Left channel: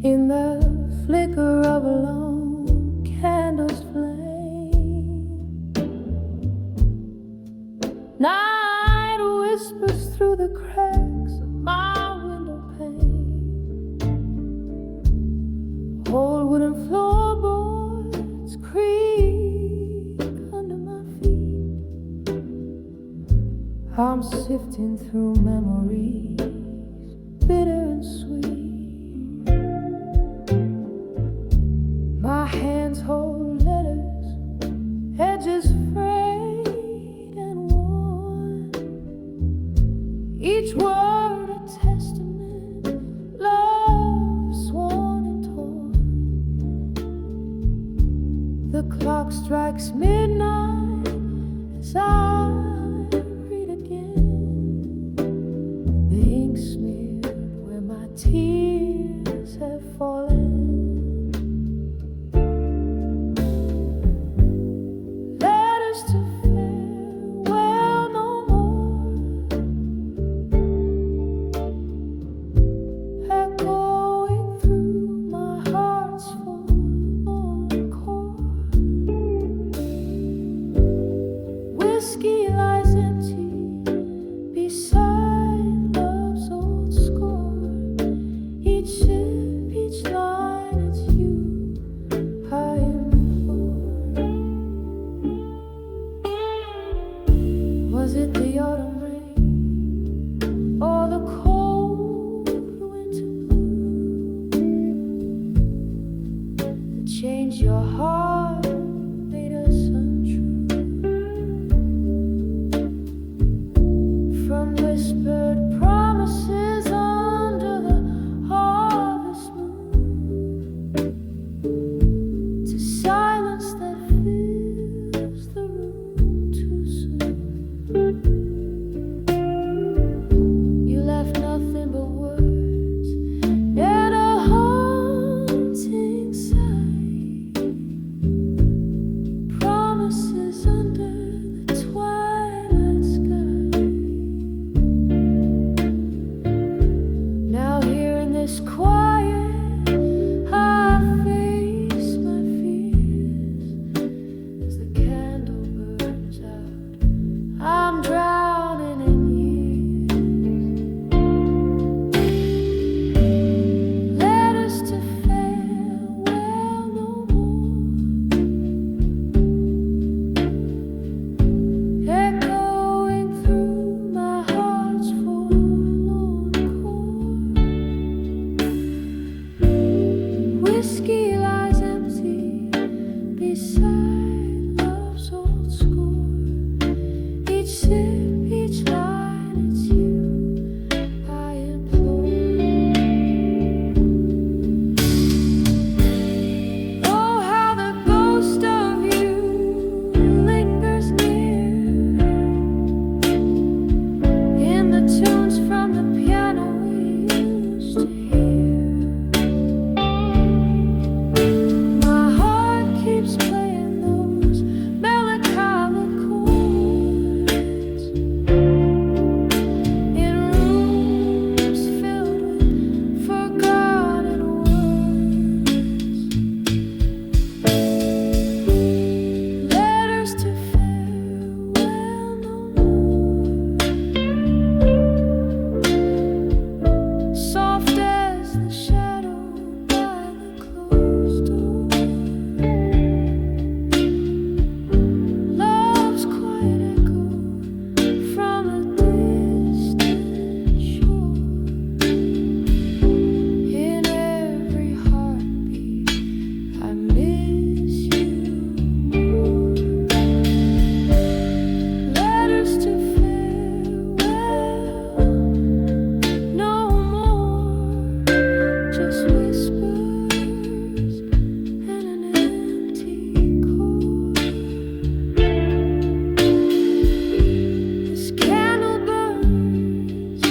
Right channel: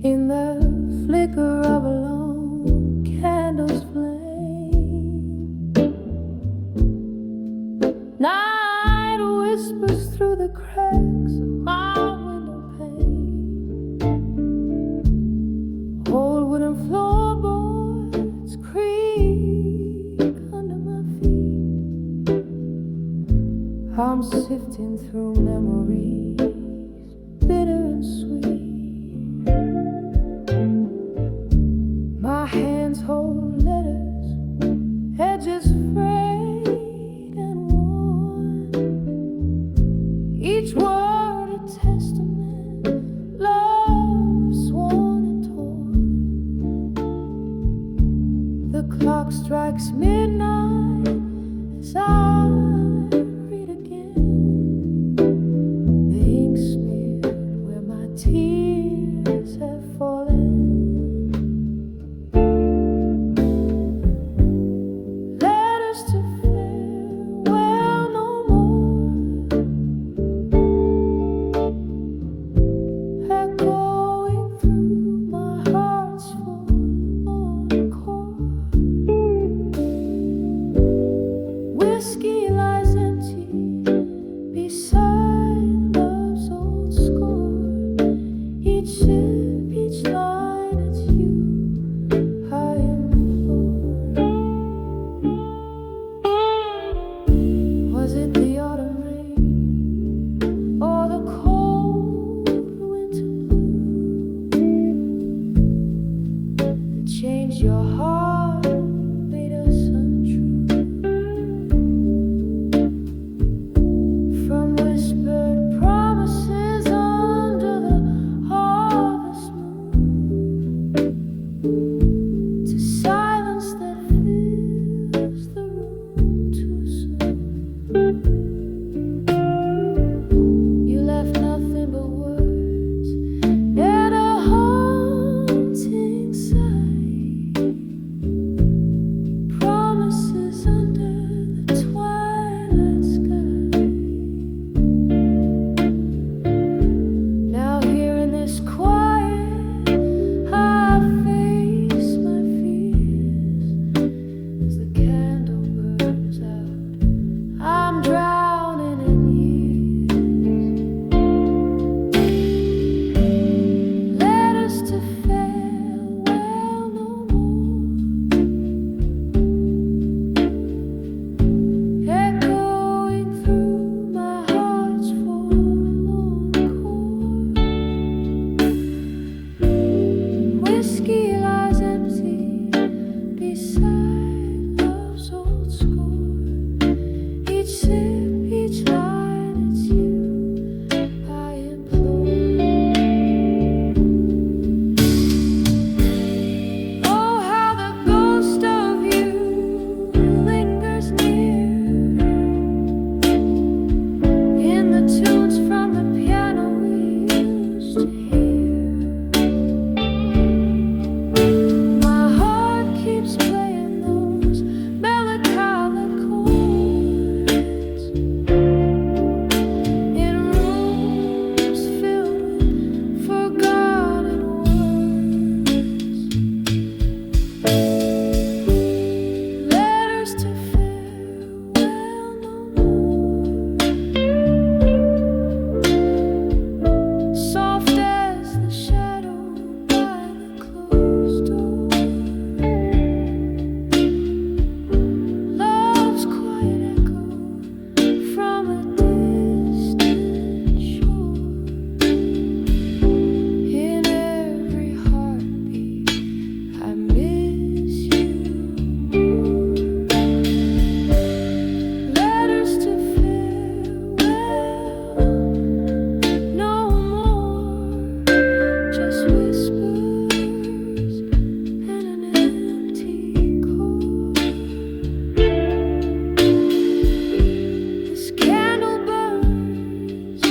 In the flicker of a lone candle's flame, night whispers through the cracks of my window pane. Old wooden floorboards creak under my feet. I'm sifting through memories, bitter and sweet. My hands hold letters, edges frayed and worn. Each word a testament, love sworn and torn. The clock strikes midnight as I read again. The ink smeared where my tears have fallen. To farewell no more, echoing through my heart's forlorn chord. Whiskey lies empty beside love's old score. Each sip, each line, it's you I am. Was it the autumn rain or the cold winter blue that changed your heart, made us untrue? From whispered promises under the harvest moon to silence that fills the room too soon. You left nothing but words and a haunting sight. Promises under the twilight sky. Now here in this quiet, I face my fears. As the candle burns out, I'm drowning in years. To farewell no more, echoing through my heart's forlorn chord. Whiskey lies empty beside love's old score. Each sip, each line, it's you I implore. Ghost of you lingers near in the tunes from the piano we used to hear. My heart keeps playing those melancholic chords in rooms filled with forgotten to farewell no more, soft as the shadow by the closed door. Love's quiet echo from a distant shore. In every heartbeat I miss you. To farewell no more, just whispers and an empty chord. This candle burns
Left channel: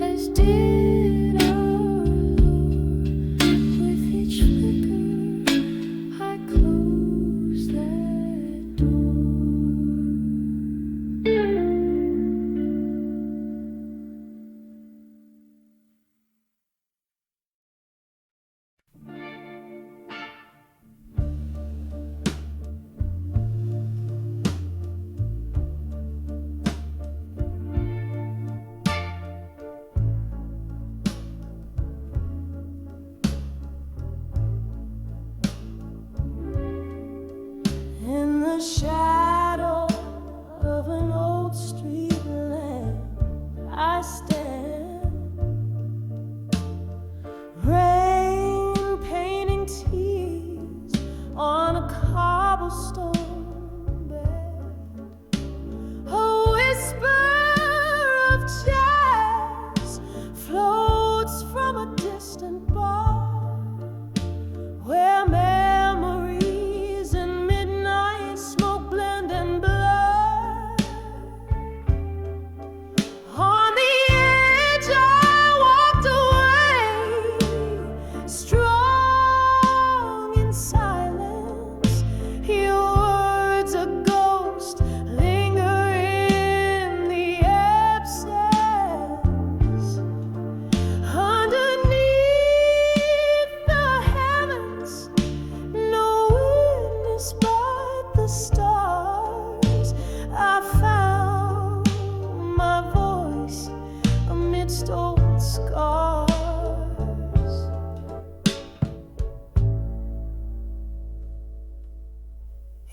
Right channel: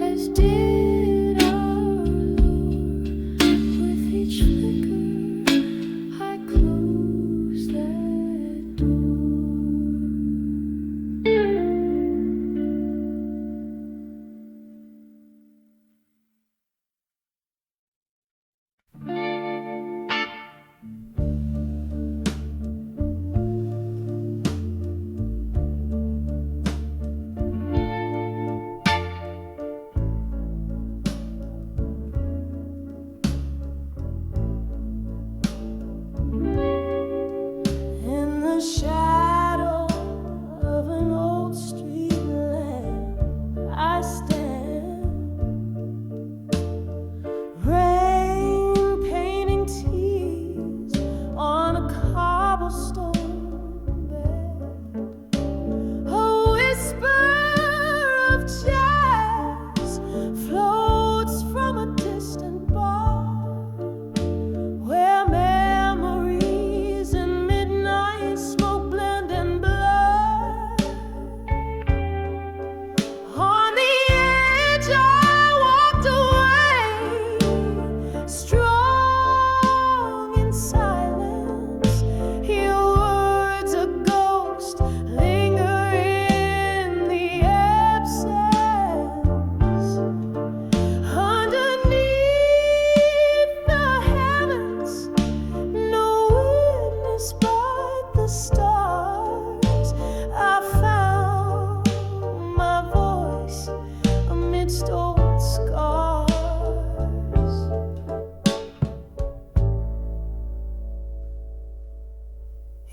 as did our lure. With each flicker, I closed that door. In the shadow of an old street lamp, I stand, rain painting tears on a cobblestone bed. A whisper of jazz floats from a distant bar, where memories and midnight smoke blend and blur. On the edge I walked away, strong in silence. Your words a ghost linger in the absence. Underneath the heavens, no witness but the stars. I found my voice amidst old scars.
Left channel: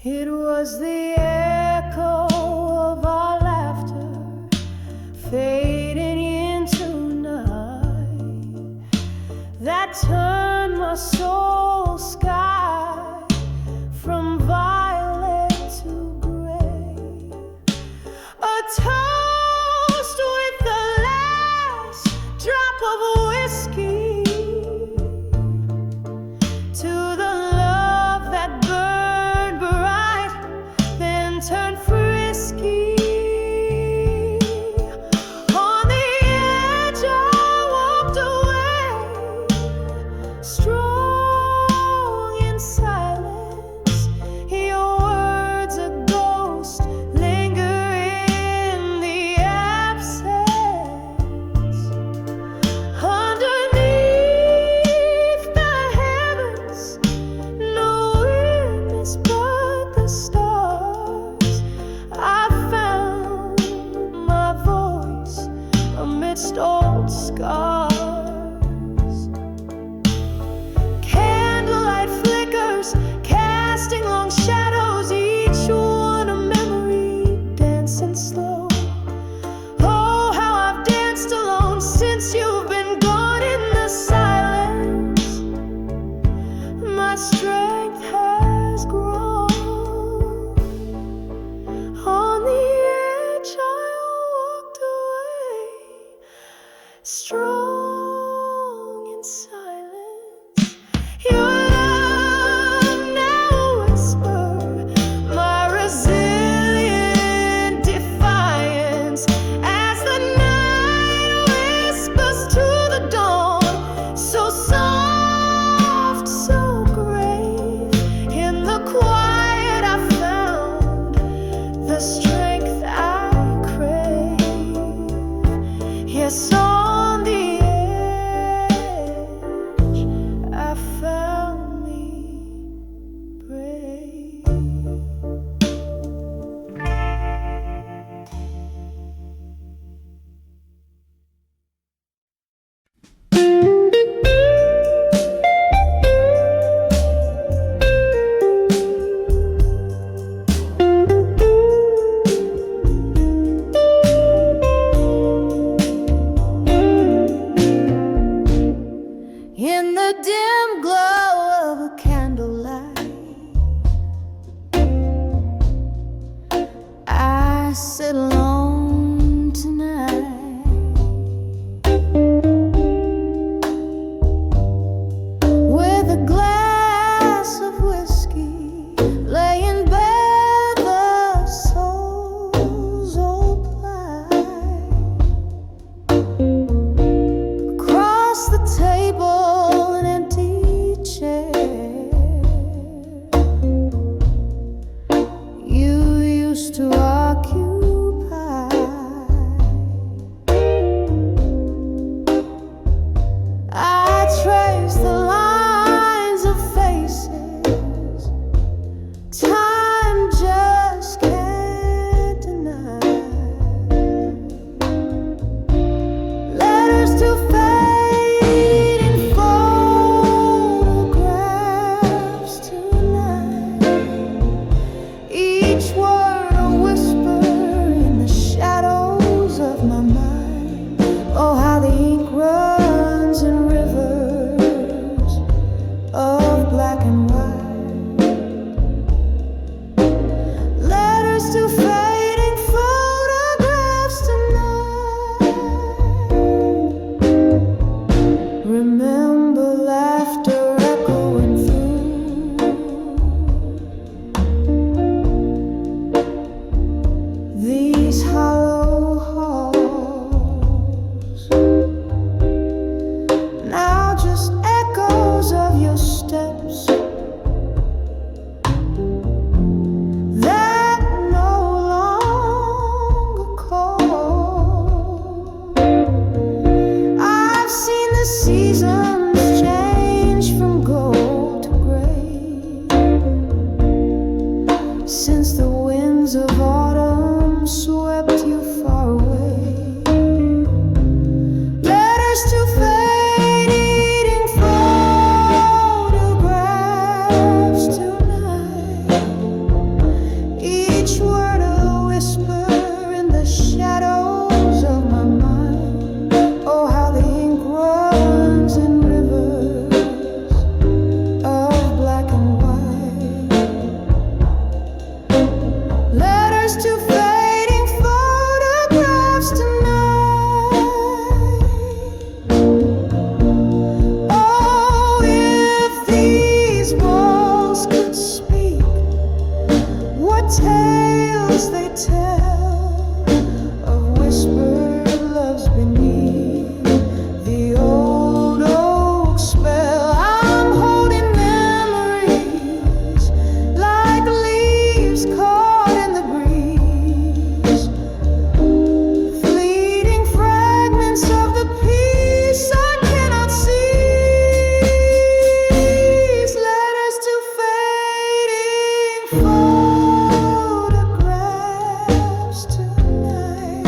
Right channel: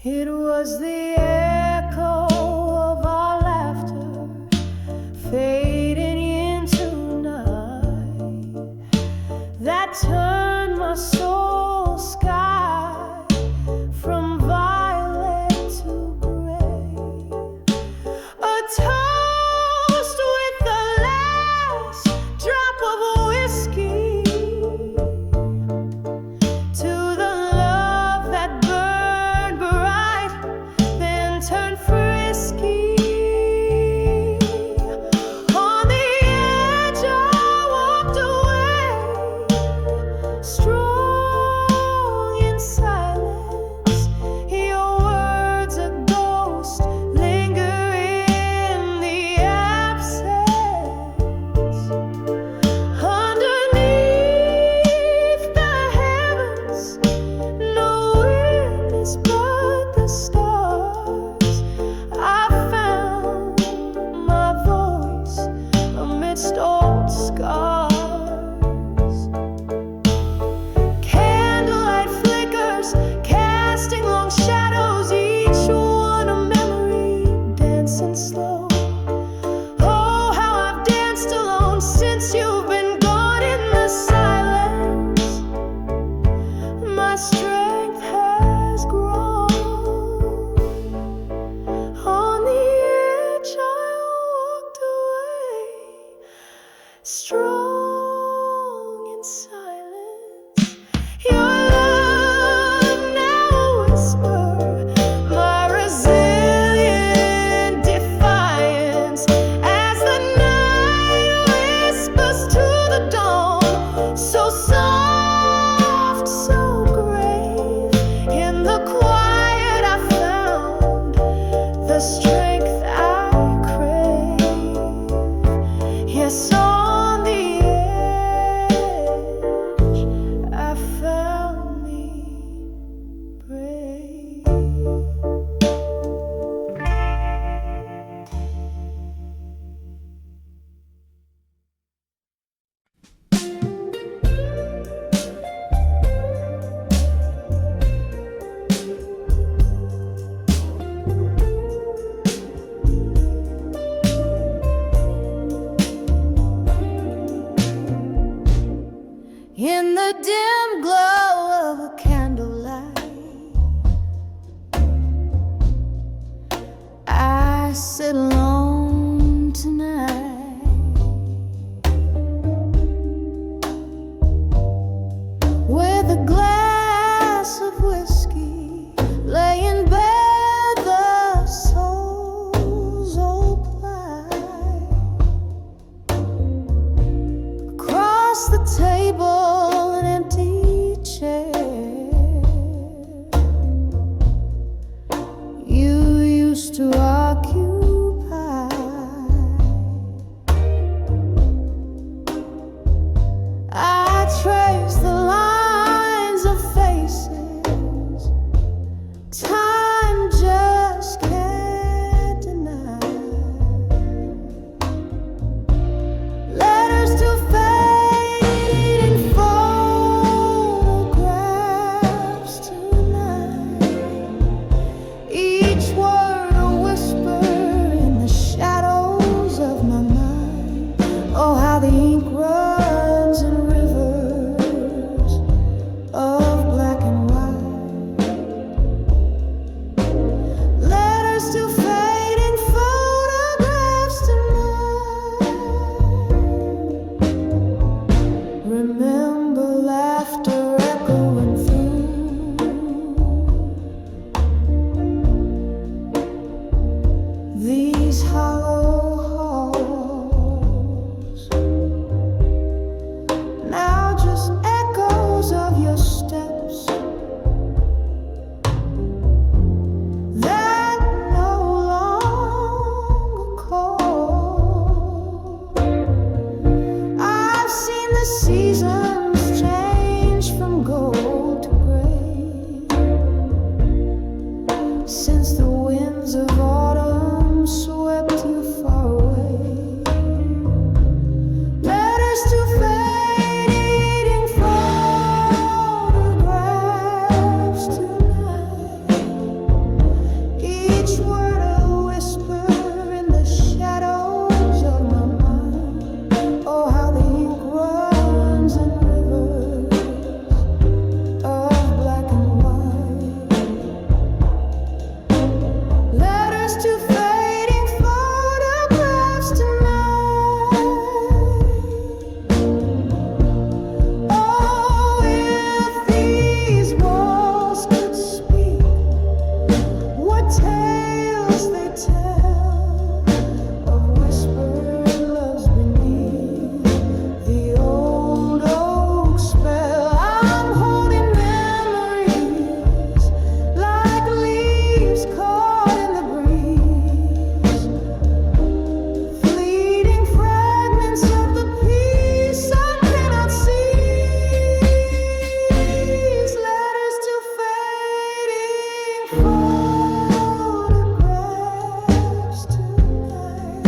It was the echo of our laughter fading into night that turned my soul sky from violet to gray. A toast with the last drop of whiskey to the love that burned bright, then turned frisky. On the edge I walked away, strong in silence. Your words a ghost linger in the absence. Underneath the heavens, no witness but the stars. I found my voice amidst old scars. Candlelight flickers, casting long shadows, each one a memory dancing slow. Oh, how I've danced alone since you've been gone. In the silence, my strength has grown. On the edge I walked away, strong in silence. Your love now a whisper, my resilient defiance, as the night whispers to the dawn, so soft, so grave. In the quiet I found the strength I crave. Yes, on the edge I found me brave. In the dim glow of a candlelight, I sit alone tonight, with a glass of whiskey, laying bare the soul's old plight. ink runs in rivers of black and white. Letters to fading photographs tonight. Remember laughter echoing through these hollow halls. Now just echoes of your steps that no longer call. I've seen the seasons change from gold to gray since the winds of autumn swept you far away. Letters to fading photographs tonight. Each word a whisper in the shadows of my mind. Oh, how the ink runs in rivers of black and white. Letters to fading photographs tonight. Oh, if these walls could speak, what tales they tell of whispered loves beneath the old oak spell. I'm holding memories like leaves caught in the breeze, fleeting fragments of the peace I cannot seize. Letters to fading photographs tonight,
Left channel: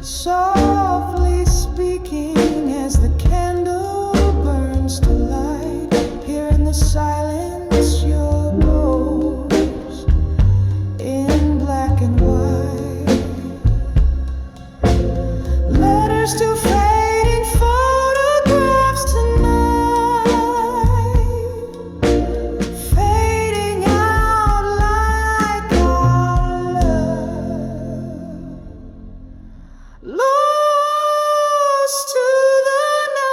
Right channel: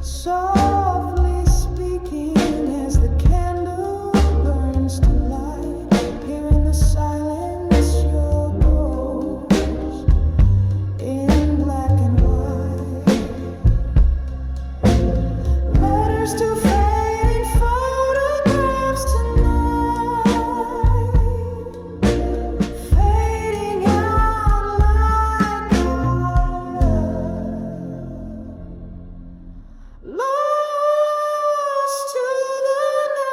softly speaking as the candle burns to light. Here in the silence, your ghost in black and white. Letters to fading photographs tonight, fading out like our love, lost to the night.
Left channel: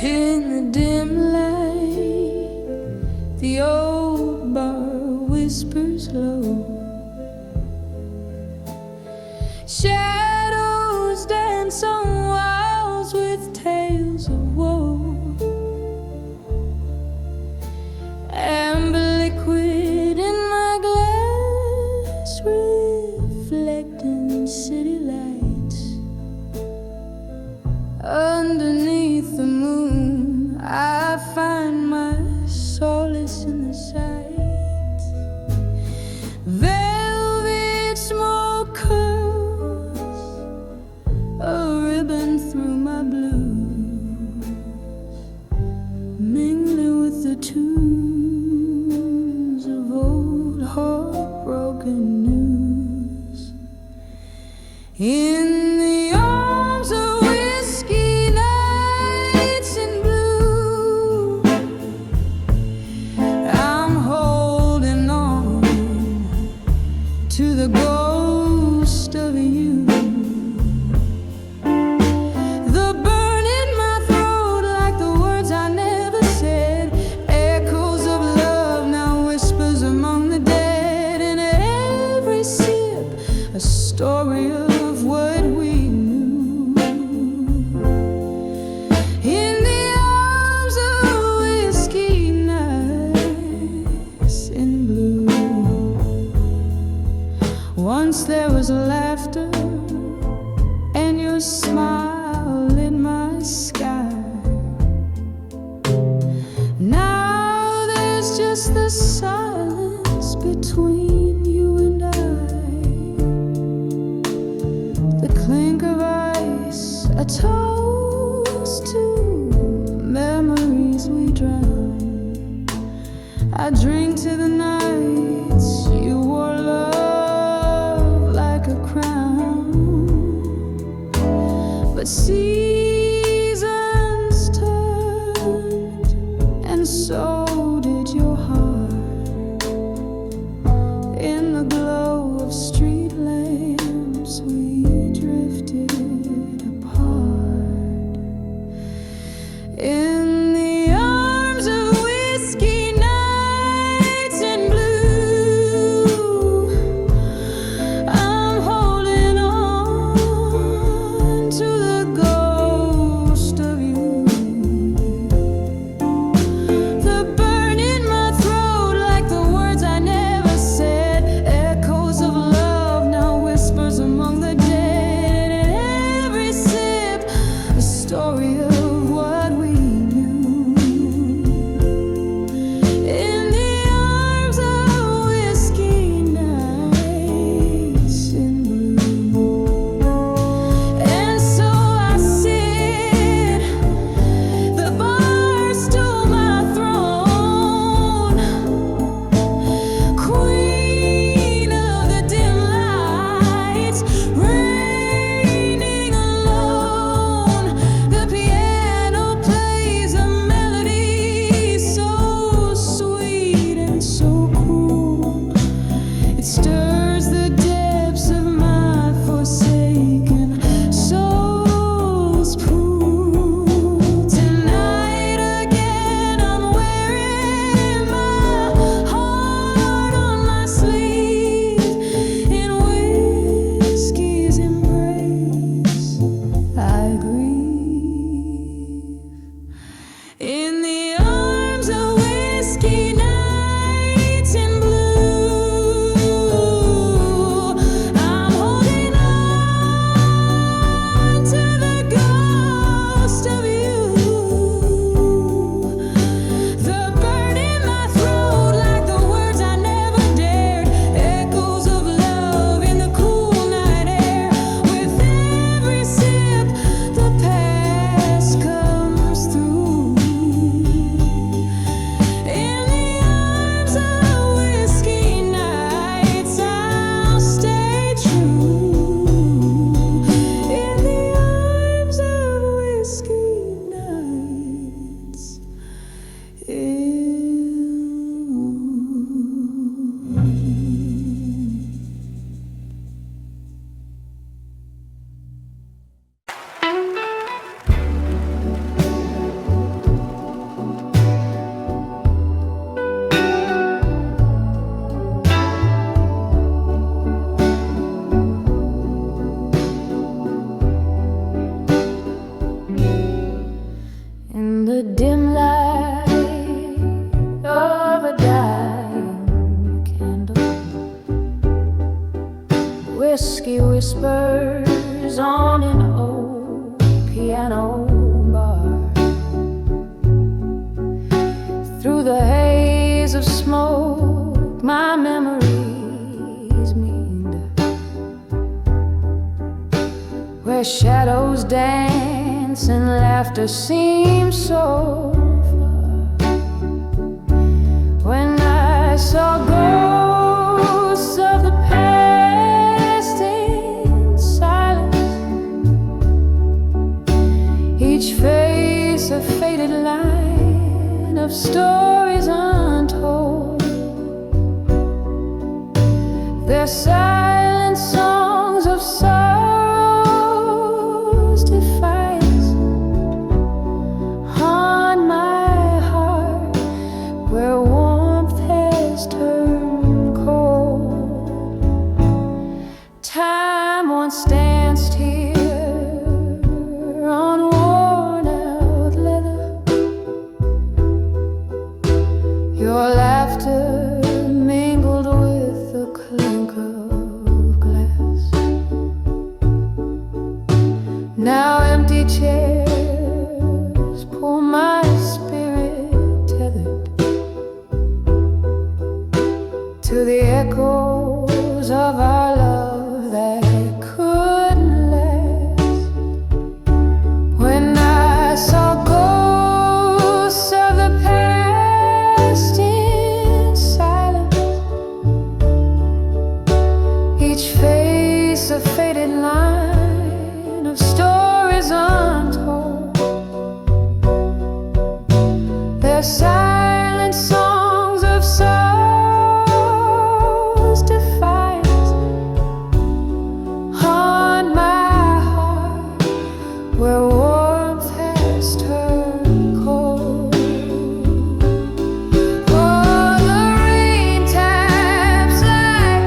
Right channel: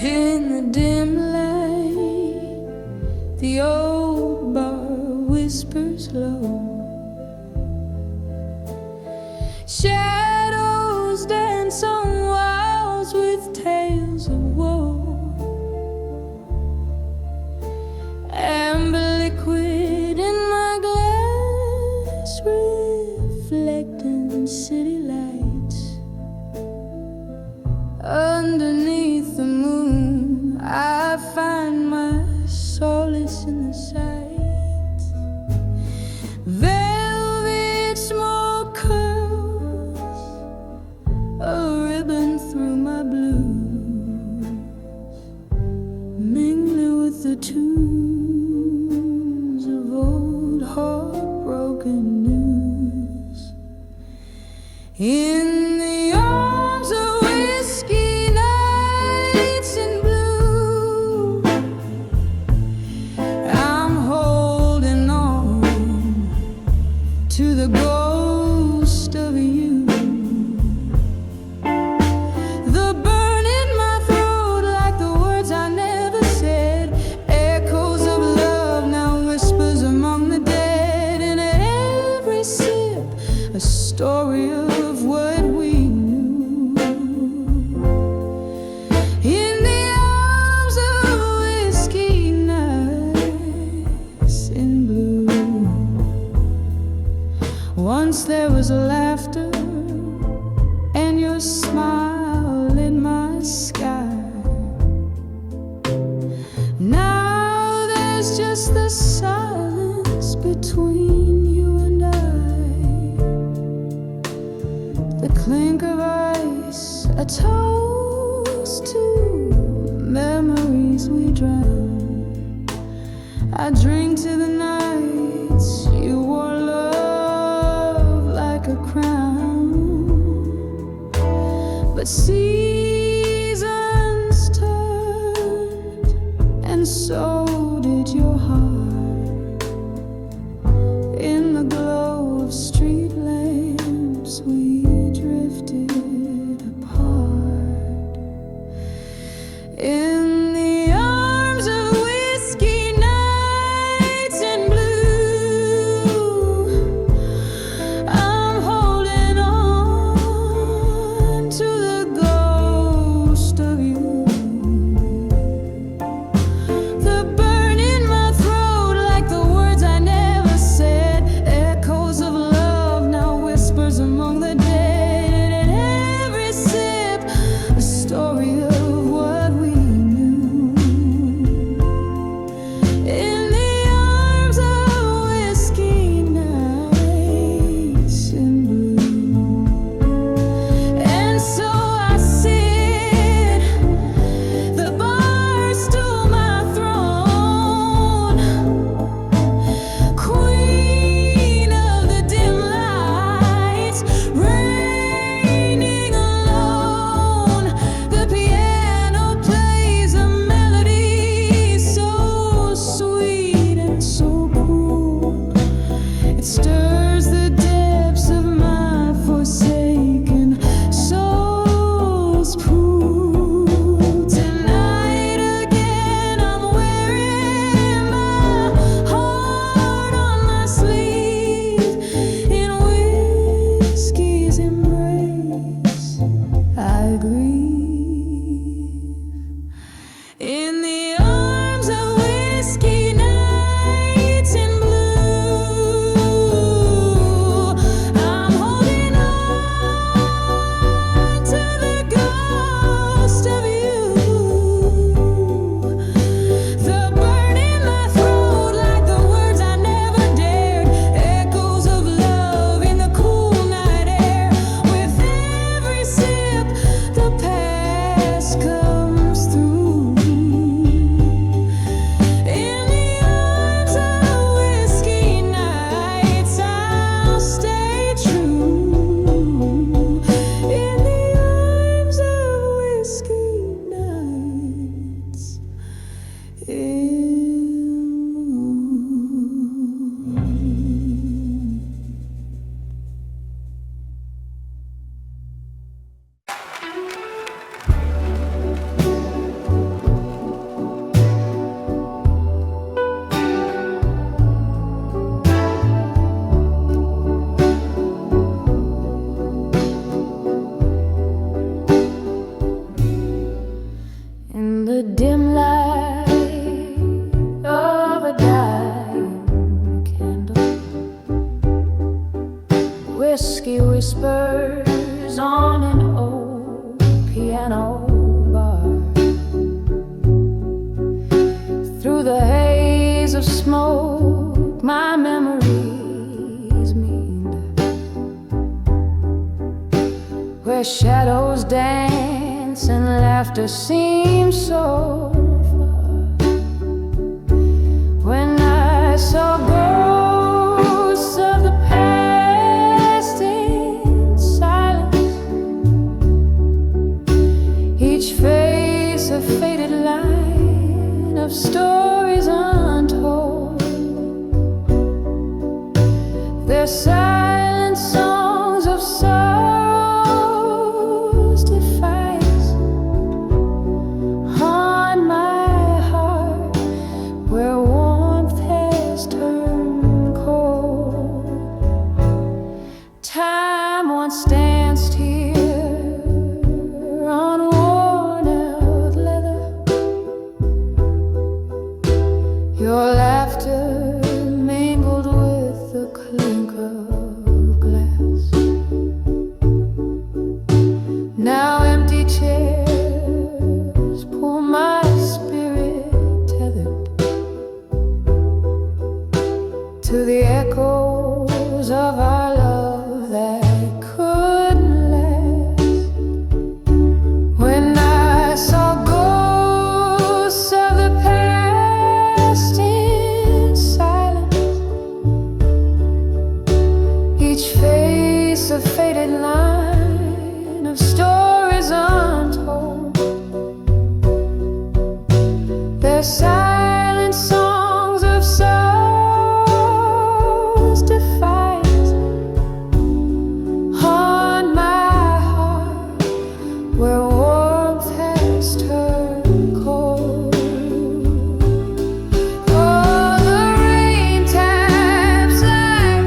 In the dim light, the old bar whispers low. Shadows dance on walls with tales of woe. Amber liquid in my glass, reflecting city lights. Underneath the moon, I find my solace in the sight. Velvet smoke curls a ribbon through my blues, mingling with the tunes of old heartbroken news. In the arms of whiskey nights in blue, I'm holding on to the ghost of you. The burn in my throat, like the words I never said, echoes of love now whispers among the dead. And every sip a story of what we knew. In the arms of whiskey nights in blue. Once there was laughter and your smile lit my sky. Now there's just the silence between you and I. the clink of ice, a toast to memories we drown. I drink to the nights you wore love like a crown. But seasons turned, and so did your heart. In the glow of street lamps we drifted apart. In the arms of whiskey nights in blue, I'm holding on to the ghost of you. The burn in my throat like the words I never said, echoes of love now whispers among the dead. And every sip a story of what we knew. In the arms of whiskey nights in blue. And so I sit, the bar stool my throne, queen of the dim lights, reigning alone. The piano plays a melody so sweet and so cool. It stirs the depths of my forsaken soul's pool. Tonight again I'm wearing my heart on my sleeve. In whiskey's embrace I grieve. In the arms of whiskey nights in blue, I'm holding on to the ghost of you. The burn in my throat like the words I never dared, echoes of love in the cool night air. With every sip the past comes through. In the arms of whiskey nights I'll stay true. In the arms of whiskey nights in the dim light of a dying candle, whiskey whispers on an old piano bar. Through the haze of smoke my memories meander, where shadows dance and laughter seems so far. When I saw ghosts of the past in silence, each face a faded line of stories untold. Their silent songs of sorrow's defiance haunt my heart, where warmth has turned cold. Time once danced here on worn-out leather. Your laughter mingled with the clink of glass. Now empty chairs pull my spirit tethered to the echoes of our love that couldn't last. piece of faded line of stories untold. They're silent songs of sorrow's defiance, haunt my heart where warmth has turned cold. Oh, the rain taps like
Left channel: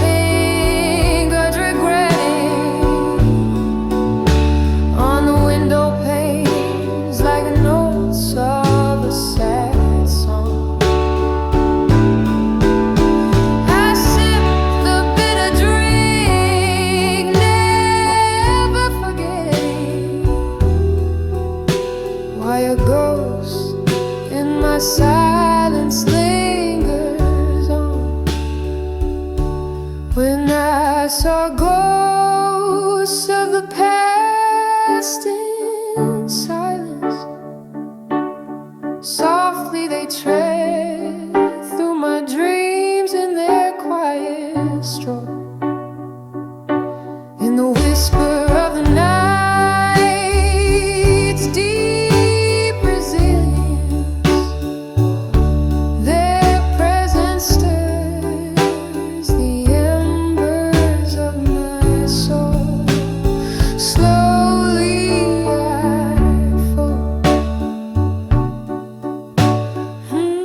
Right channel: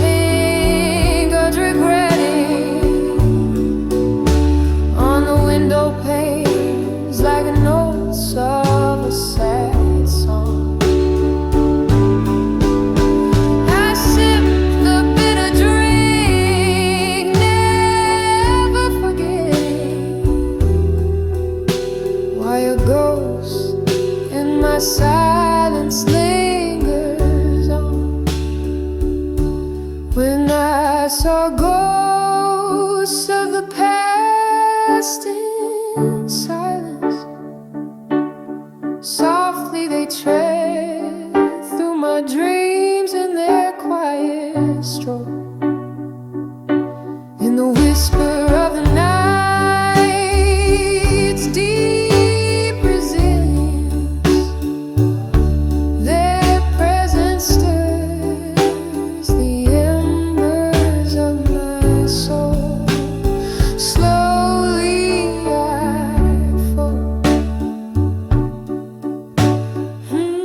fingers regretting on the window panes like notes of a sad song. I sip the bitter drink, never forgetting why a ghost in my silence lingers on. When I saw ghosts of the past in silence, softly they tread through my dreams in their quiet stroll. In the whisper of the night's deep resilience, their presence stirs the embers of my soul. Slowly I fall in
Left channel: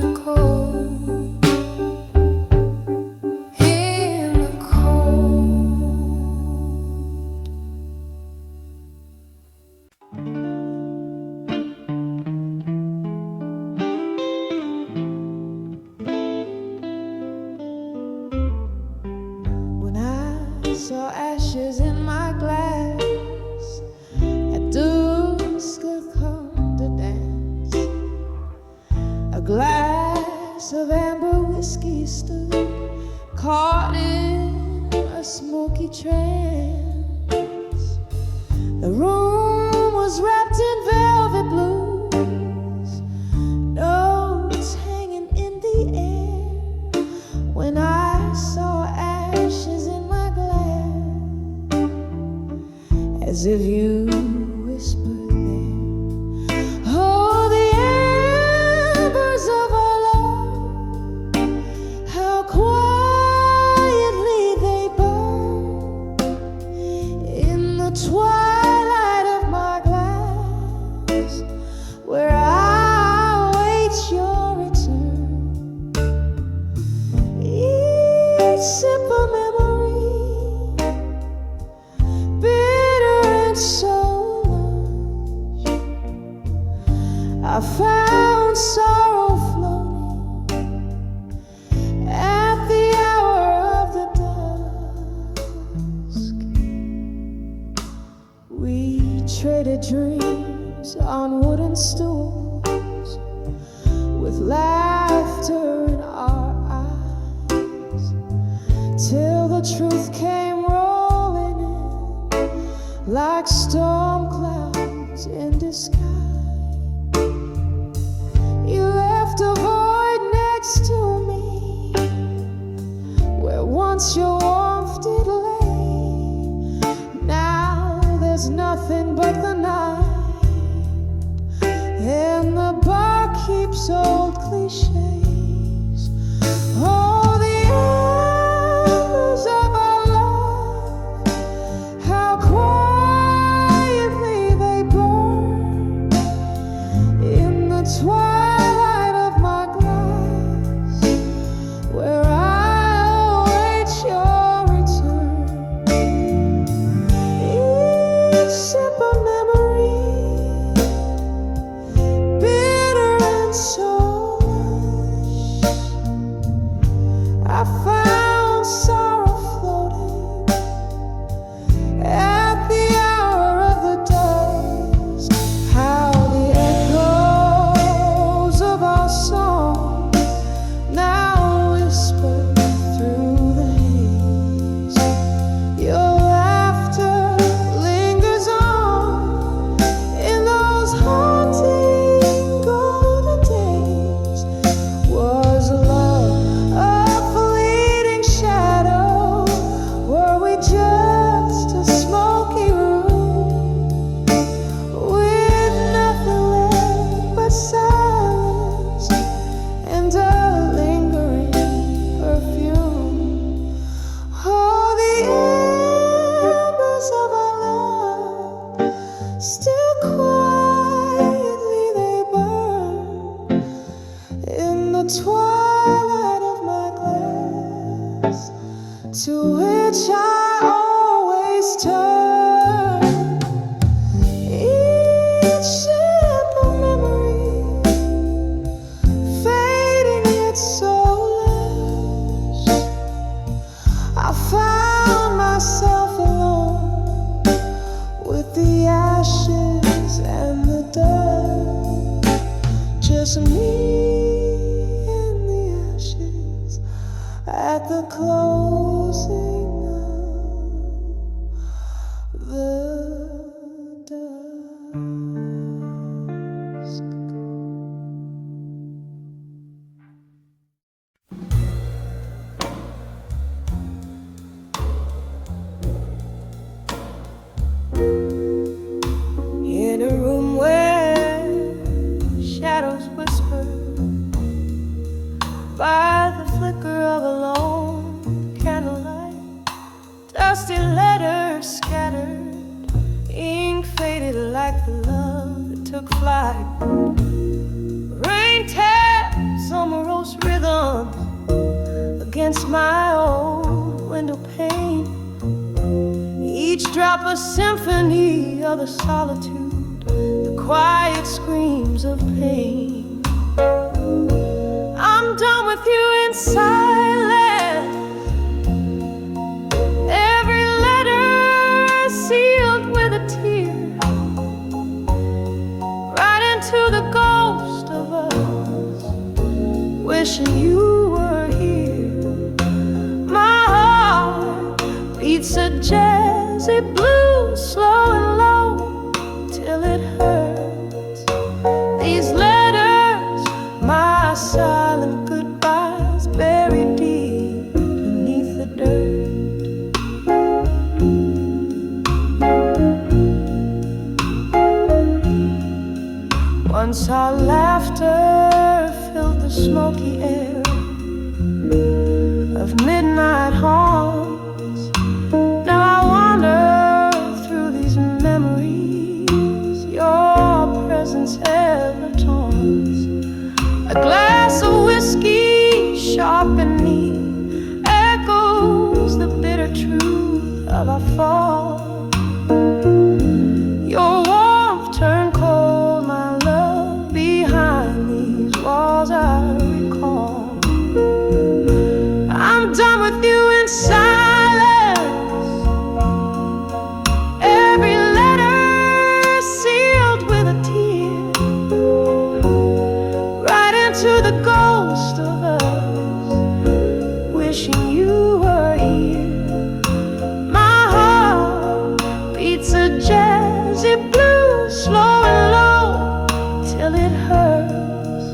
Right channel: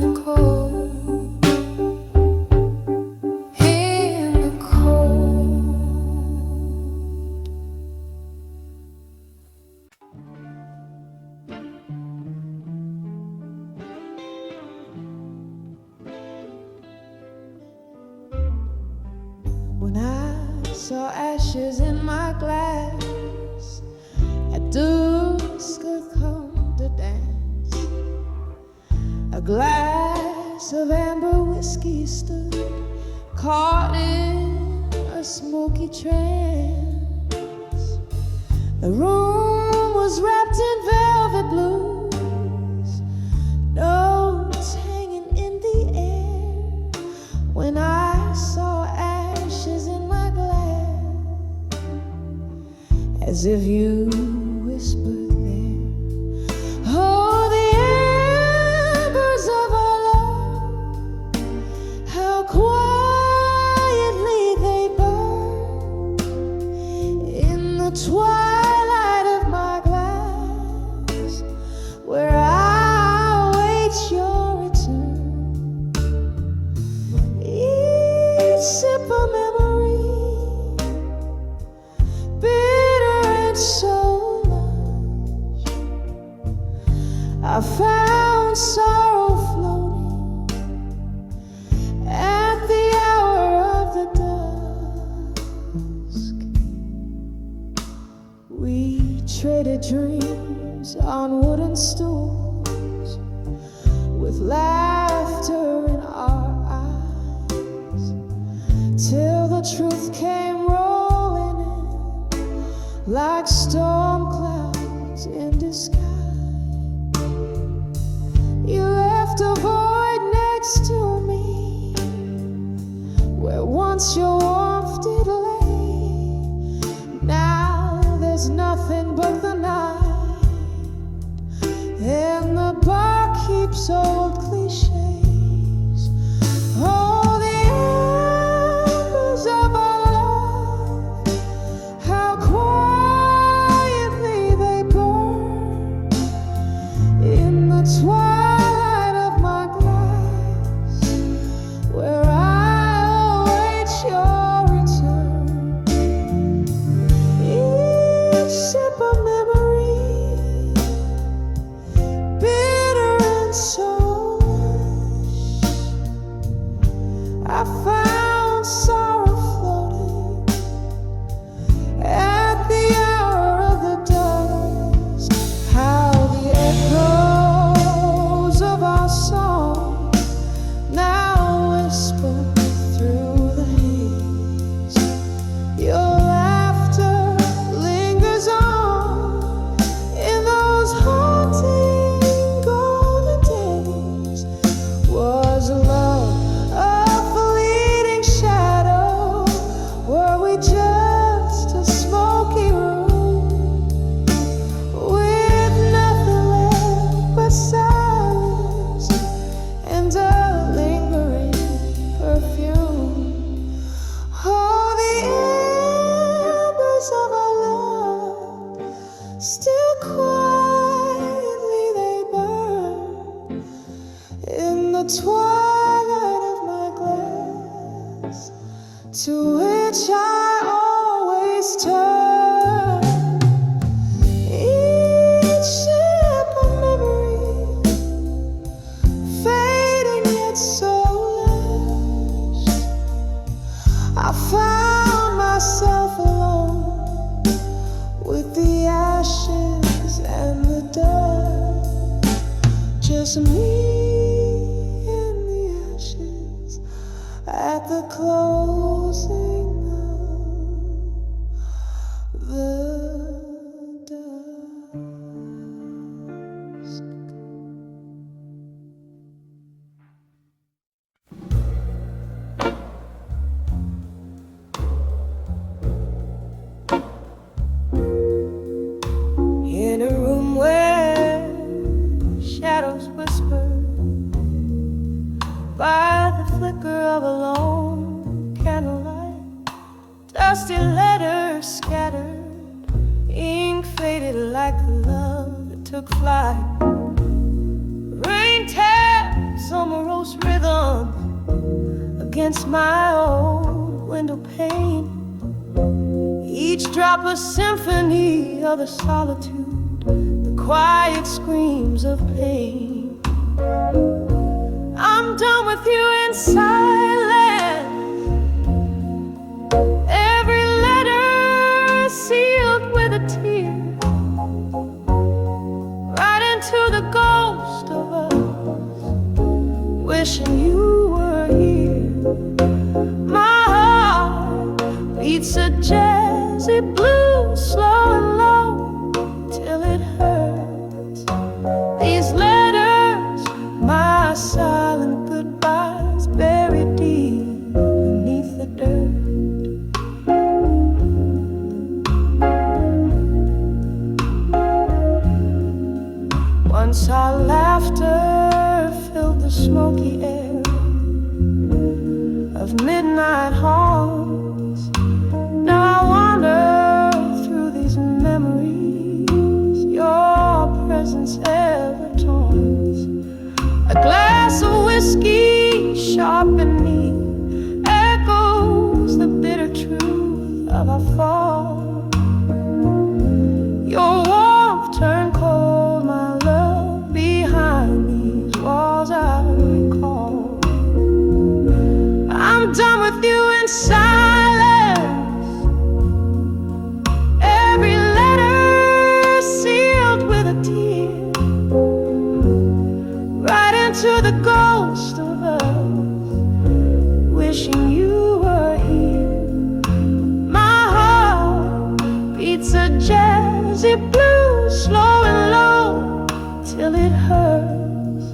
the cold, in the cold. When I saw ashes in my glass, at dusk I'd come to dance. A glass of amber whiskey stood caught in a smoky trance. The room was wrapped in velvet blues, notes hanging in the air. When I saw ashes in my glass, as if you whispered there, oh, the embers of our love, how quietly they burn in the twilight of my glass, where I await your return. Each sip of memory, bitter and so lush, I found sorrow floating at the hour of the dusk. We traded dreams on wooden stools with laughter in our eyes, till the truth came rolling in like storm clouds in disguise. You left a void next to me where once your warmth did lay. Now there's nothing but the night, and the bar keeps old cliches. Oh, the embers of our love, how quietly they burn in the twilight of my glass, where I await your return. Each sip of memory, bitter and so lush, I found sorrow floating at the hour of the dusk. How the echoes of our song now whisper through the haze. Your laughter lingers on in those haunting golden days. Was love to which I always turn. Each sip of memory, fading yet soulless. I found myself alone with the ashes and the dust. Just me and the ashes at the closing of the dusk. In a room where shadows whisper by the flicker of a lone candlelight, dusty letters scattered, ink faded like the love that took flight. Rain taps on morose rhythms against my old window pane, each drop a symphony of the solitude, the quiet screams of pain. I'm done with you in silence, every letter sealed with a tear, right into the ghost of us, wishing you were here. My heart beats a jazzy blues, slow and low, till it hurts. These letters, my silent goodbyes, buried deep beneath the dirt. Once our laughter filled the smoky air of midnight haunts. Now I wander through these memories your presence ever taunts. A glass of whiskey, sharp and neat, echoes the bitter truth of our fall. Your warmth turned cold, my love, behind these walls I recall. I'm done with you in silence, every letter sealed with a tear, right into the ghost of us, wishing you were here. My heart beats a jazzy blues, slow and low, till it hurts.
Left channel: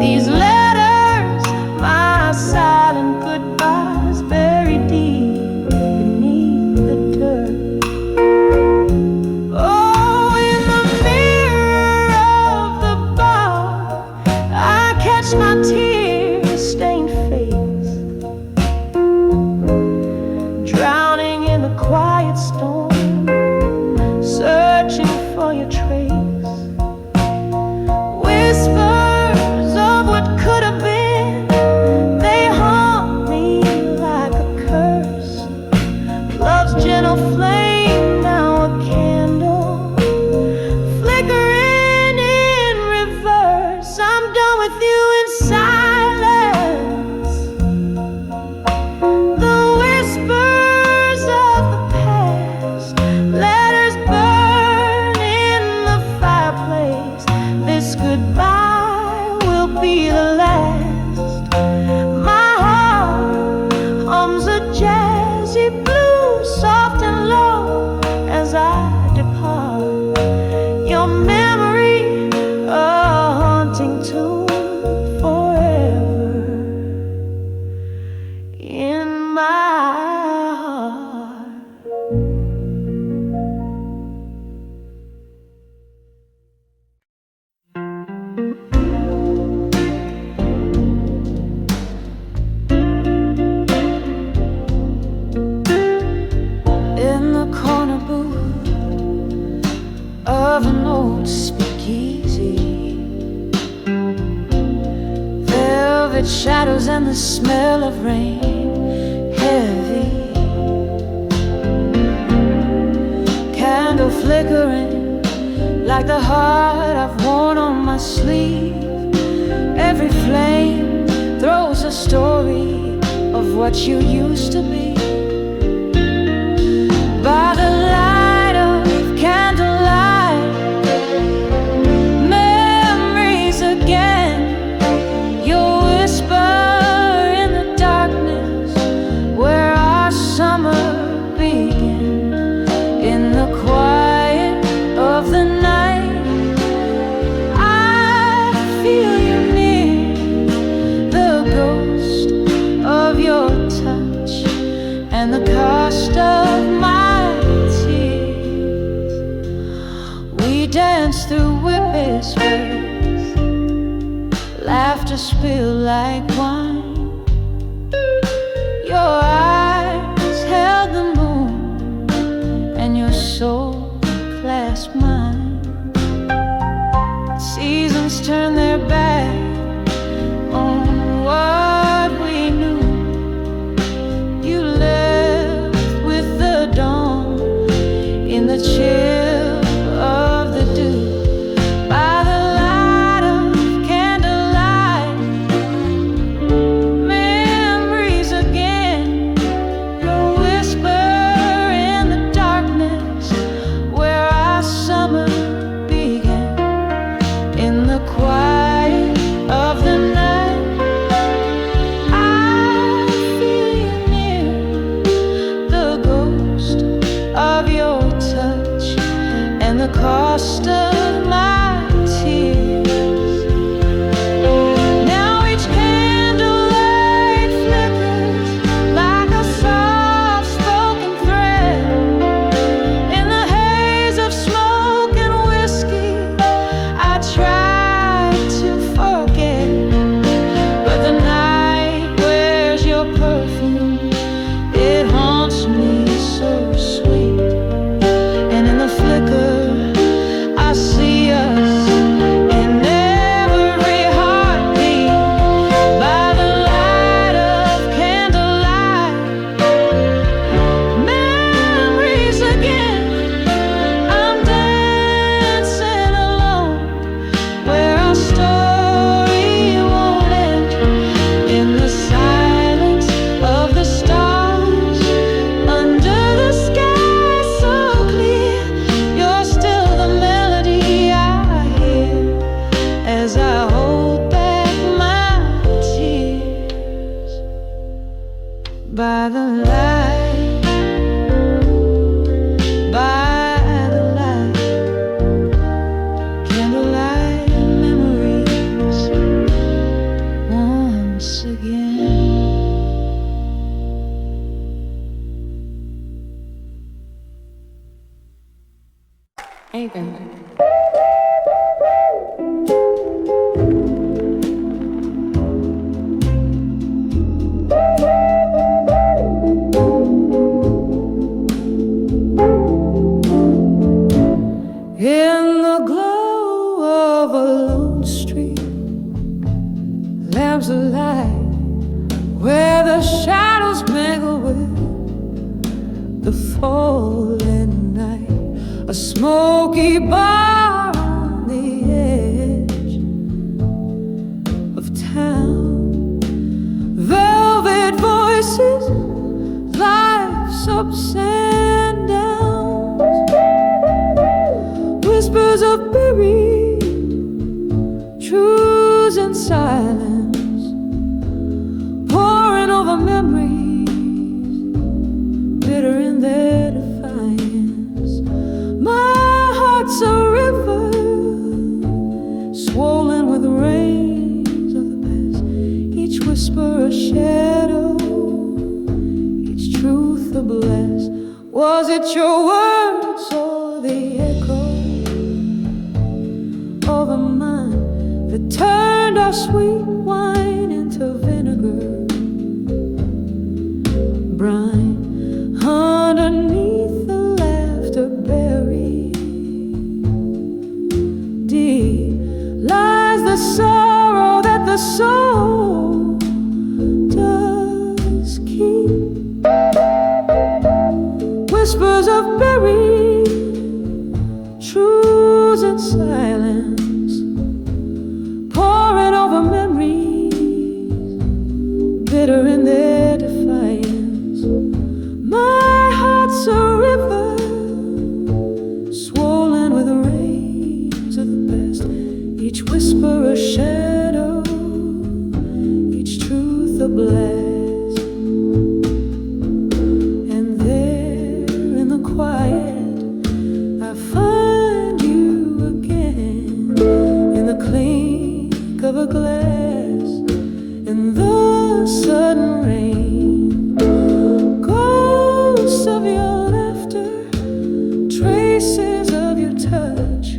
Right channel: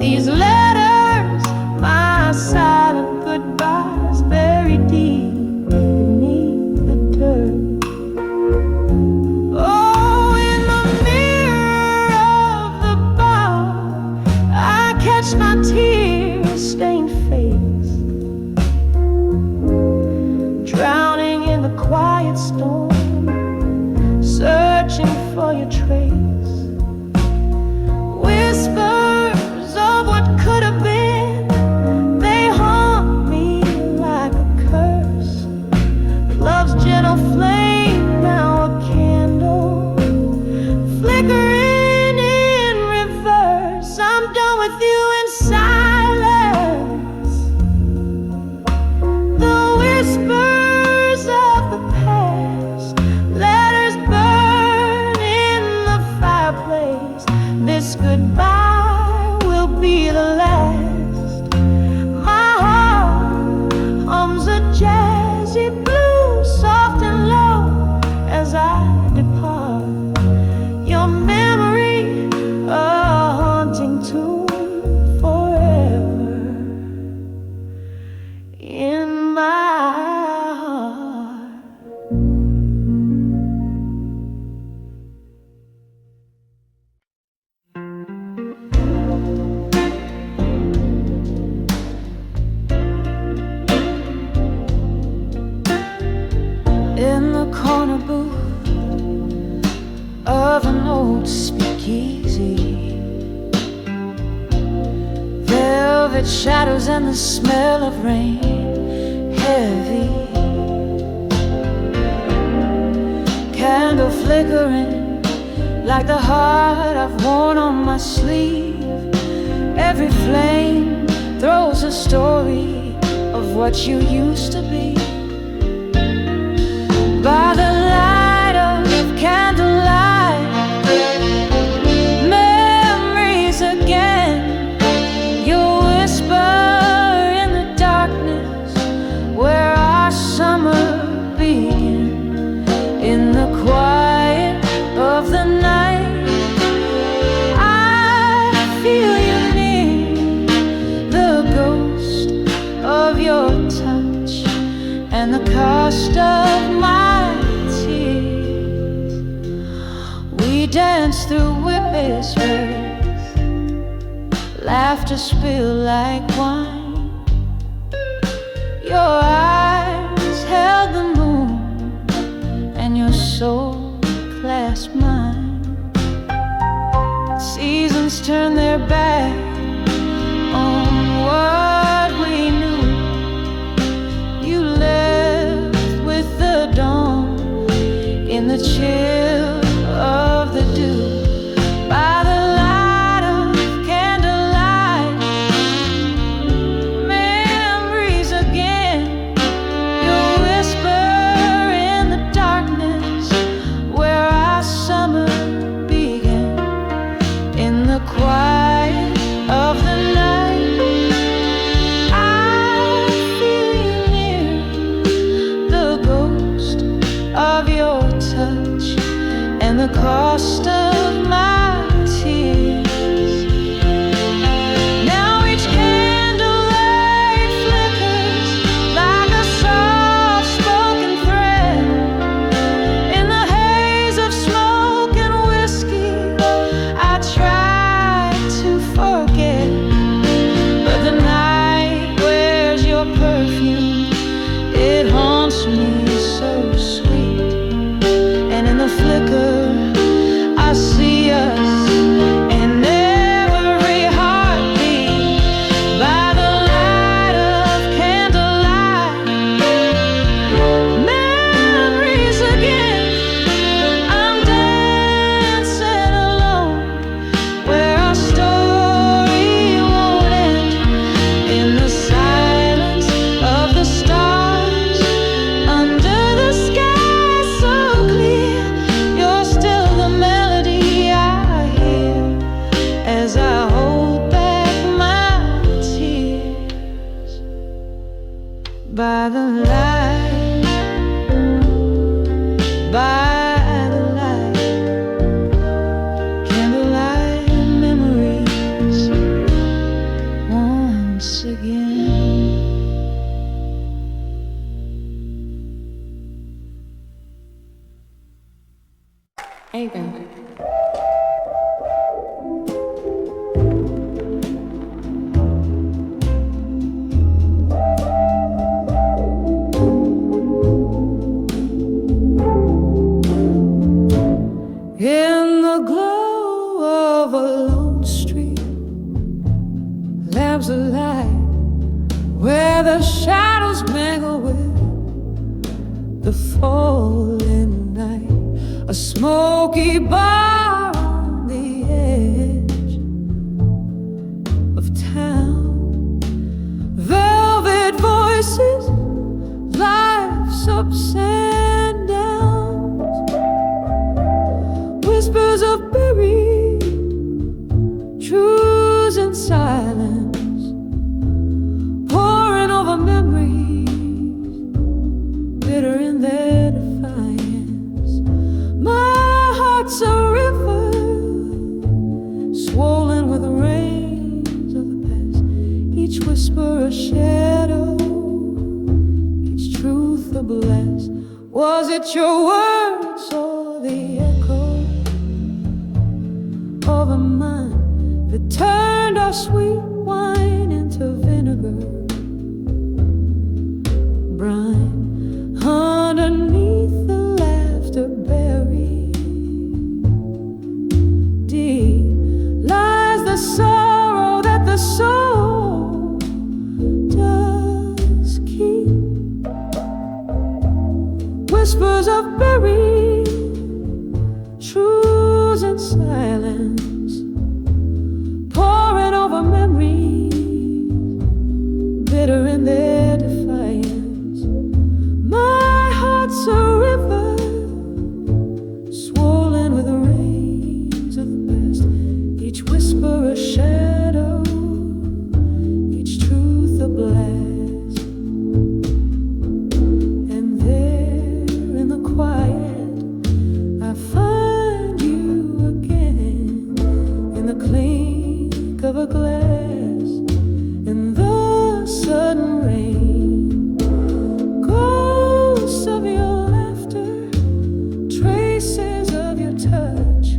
These letters, my silent goodbyes, buried deep beneath the dirt. Oh, in the mirror of the bar, I catch my tear-stained face, drowning in the quiet storm, searching for your trace. Whispers of what could have been, they haunt me like a curse. Love's gentle flame, now a candle, flickering in reverse. I'm done with you in silence, the whispers of the past, letters burn in the fireplace. This goodbye will be the last. My heart hums a jazzy blues, soft and low, as I depart. Your memory, a haunting tune forever in my heart. In the corner booth of an old speakeasy, velvet shadows and the smell of rain heavy, candle flickering like the heart I've worn on my sleeve. Every flame throws a story of what you used to be. By the light of candlelight, memories again. You'll whisper in the darkness where our summer began. In the quiet of the night, I feel you near, the ghost of your touch and the cost of my tears. We dance through whispers, laughter spill like wine. Your eyes held the moon and your soul clasped mine. Seasons turn their back on what we knew. You left with the dawn in the chill of the dew. By the light of candlelight, memories again. You'll whisper in the darkness where our summer began. In the quiet of the night, I feel you near, the ghost of your touch and the cost of my tears. Now each candlelight flickers like a soft-spoken thread. In the haze of smoke and whiskey, I try to forget, but the night wears your perfume. It haunts me so sweet. And in the flicker, I see us in every heartbeat. By the light of candlelight, memories again. I'm dancing alone where our story won't end. In the silence of the stars, under the sky so clear, you're still the melody I hear as I hold back my tears. By the light, by the light, candlelight memories once again. Even. In the glow of a lone street, lamps alight where the shadows mingle with the falling night. A smoky bar on the edge of town, velvet voices, life's ups and downs, whispers of buried truths and silence, pouring over memories, bitter in their defiance. My heart's a river, swollen with rains of the past, each whisper a shadow, each truth a blast. Was it your words or the echo of a mind that turned our sweet wine into vinegar brine? Underneath the laughter buried deep lies the sorrow that the soul does keep. whispers of buried truths in silence, pouring over memories, bitter in their defiance. My heart's a river, swollen with the rains of the past. Each whisper a shadow, each truth a blast. And there in the quiet I find you again, in the clink of a glass, in the sudden rain. Ghosts of your laughter, traces of your touch,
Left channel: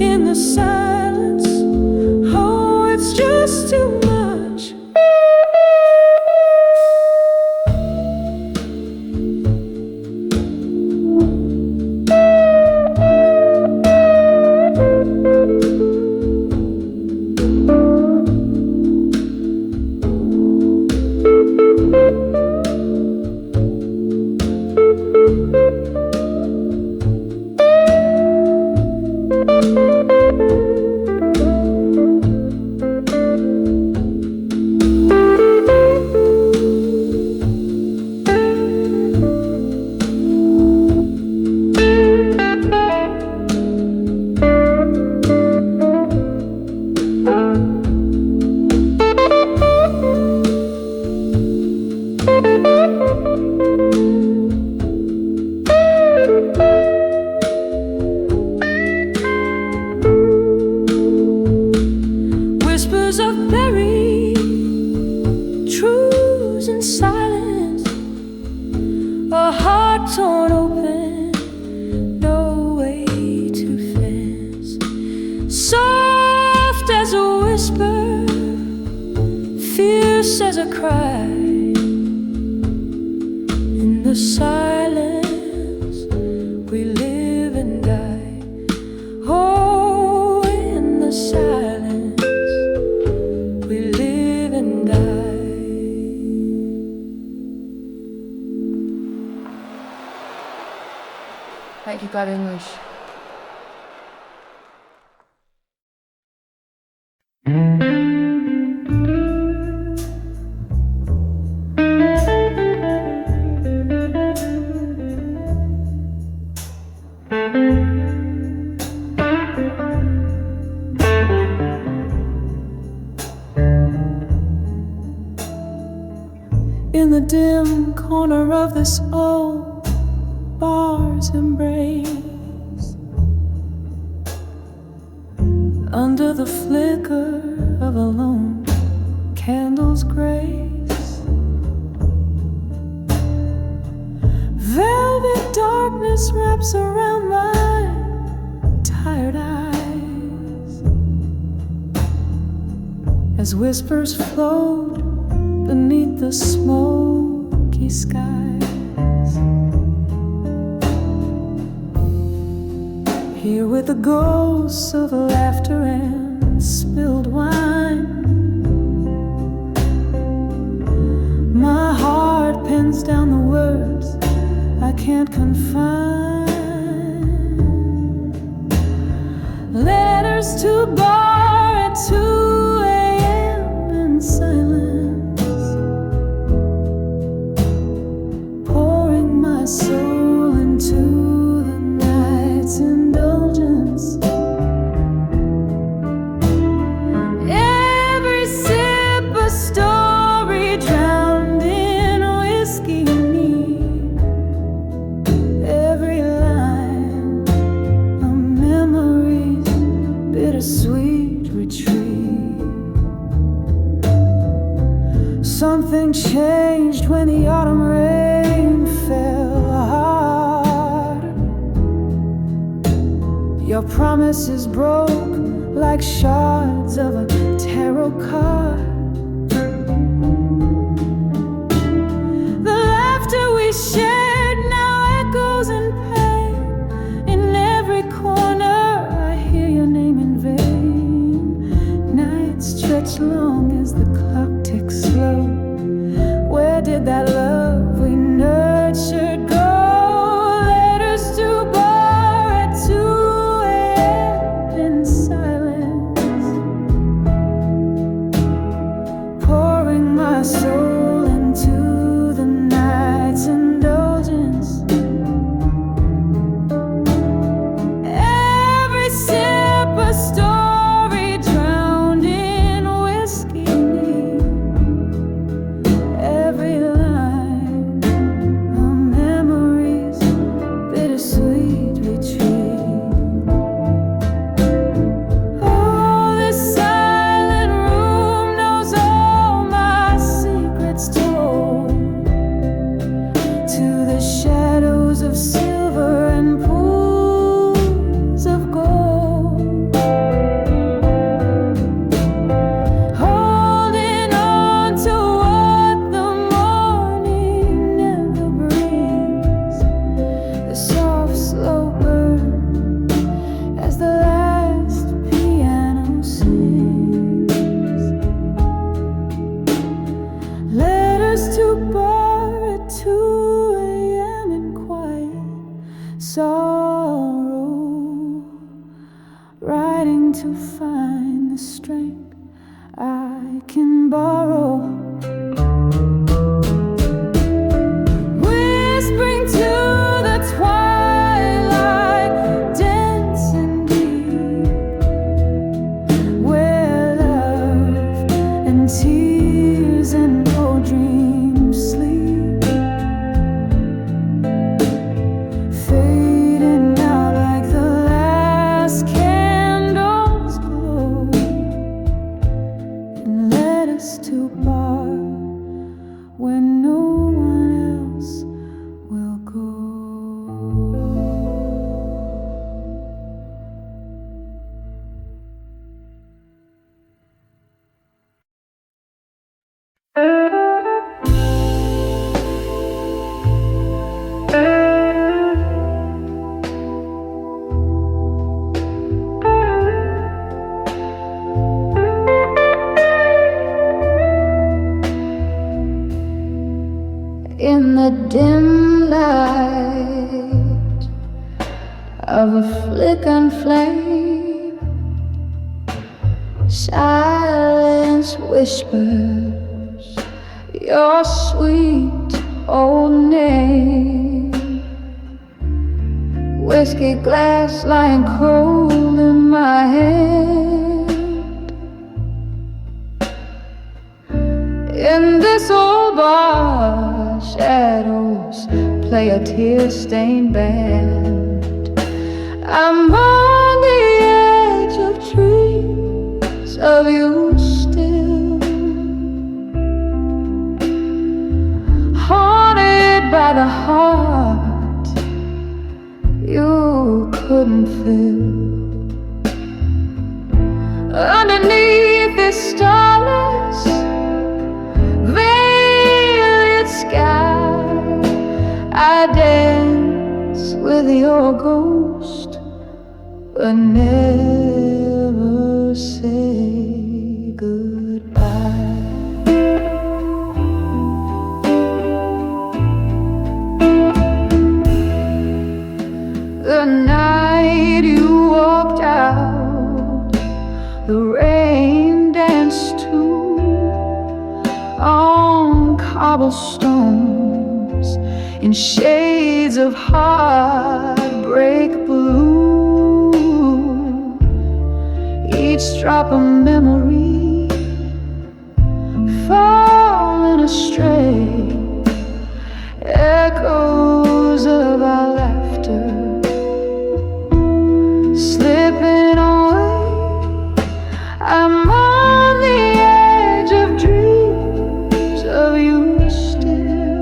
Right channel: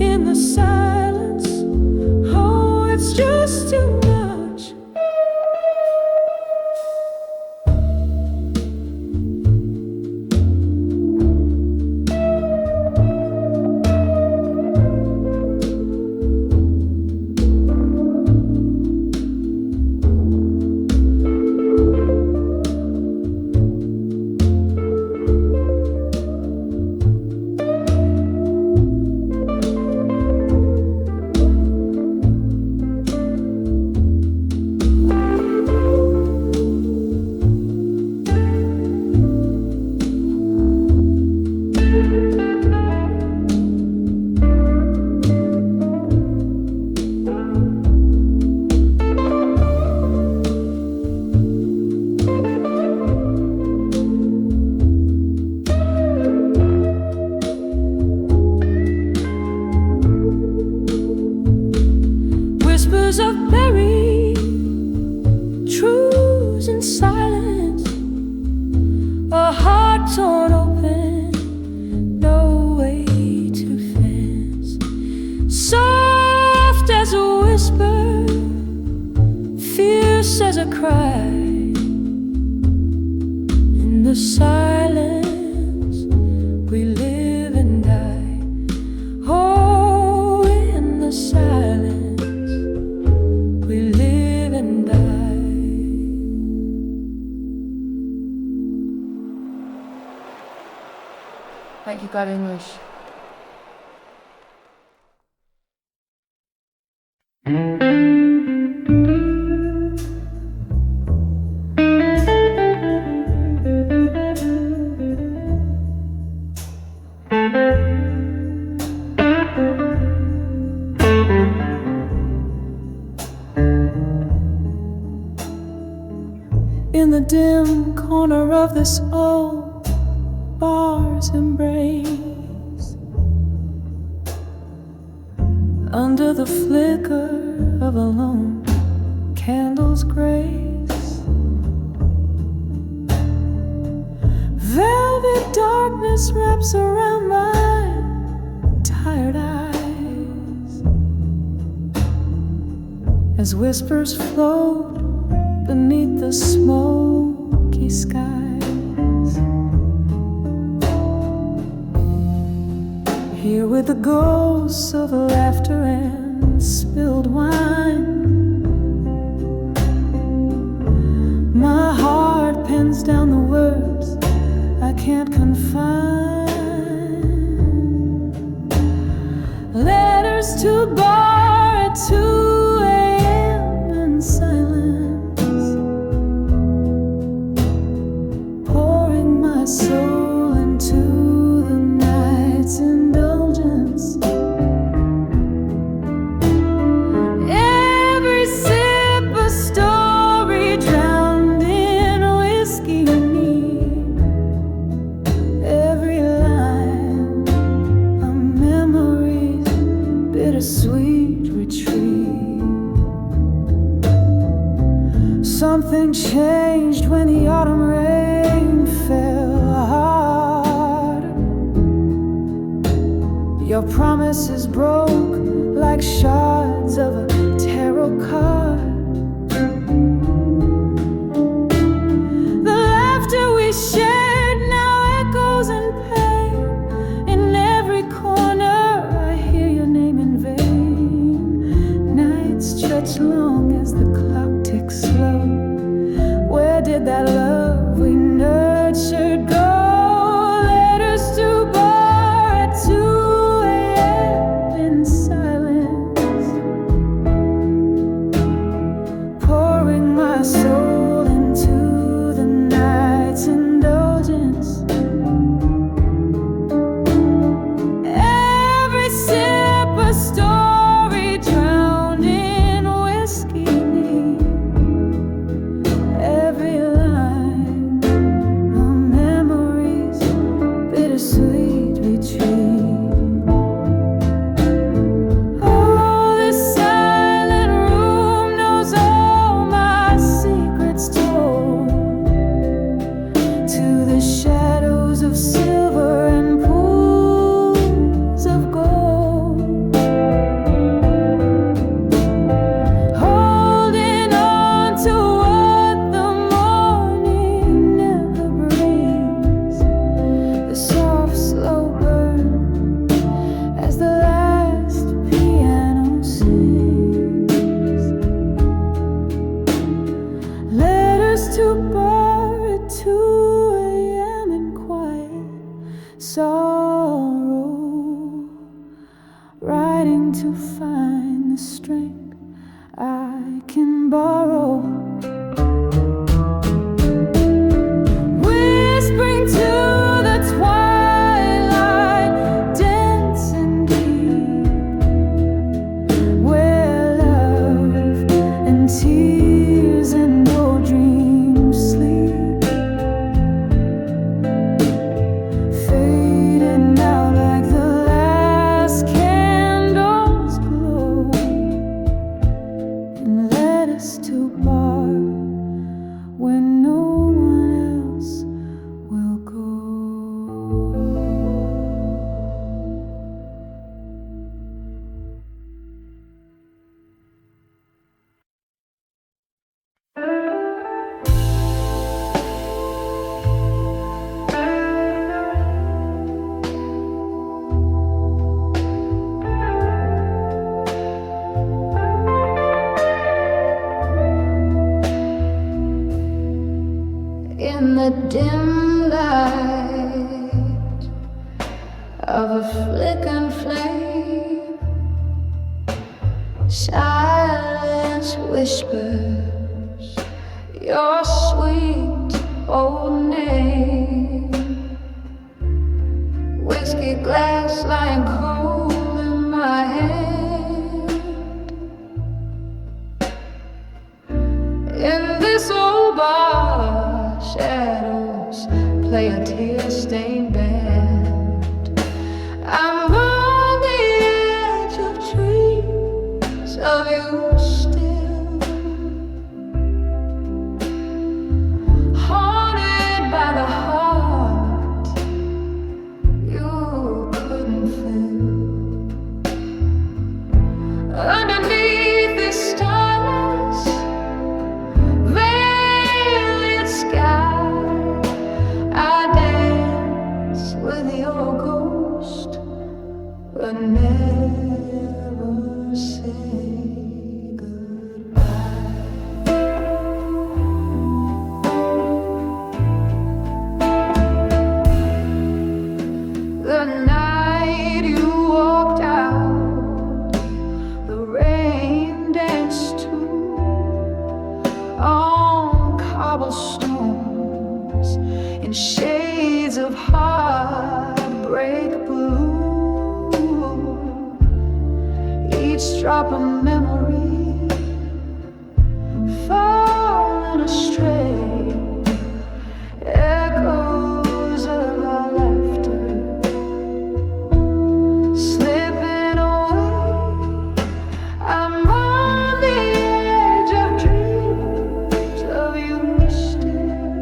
in the silence. Oh, it's just too much. Whispers of buried truths in silence, a heart torn open, no way to fence. Soft as a whisper, fierce as a cry, in the silence we live and die. Oh, in the silence we live and die. Thank you, God English. In the dim corner of this old bar's embrace, under the flicker of a lone candle's grace, velvet darkness wraps around my tired eyes, as whispers float beneath the smoky skies. Here with the ghosts of laughter and spilled wine, my heart pens down the words I can't confine. Letters to bar at 2 a.m. in silence, pouring my soul into the night's indulgence. Every sip a story drowned in whiskey neat, every line a memory's bittersweet retreat. Something changed when the autumn rain fell hard. Your promises broke like shards of a tarot card. The laughter we shared now echoes in pain. In every corner I hear your name in vain. Nights stretch long as the clock ticks slow. Where did that love we nurtured go? letters to bar at 2 a.m. in quiet sorrow, writing to find the strength I can borrow. Whispering to the twilight, dense and deep, where love and tears and old dreams sleep, fading out like the last candles glow, and led us to bar when no one else will go. In the dim light of a flickering flame, silence whispers your sweet old name. Whiskey glass lying cold in my hand. In this old bar, shadows play a tear-stained band. I'm on the edge of dreams of you still, haunted by the heart you couldn't fill. Underneath this starless veiled sky, I dance with your ghost, but never say goodbye. The night you walked out, the rain danced too on cobblestones in shades of heartbreak blue. Each drop a memory falling astray, echoes of our laughter slipping away. I'm on the edge of dreams of you still,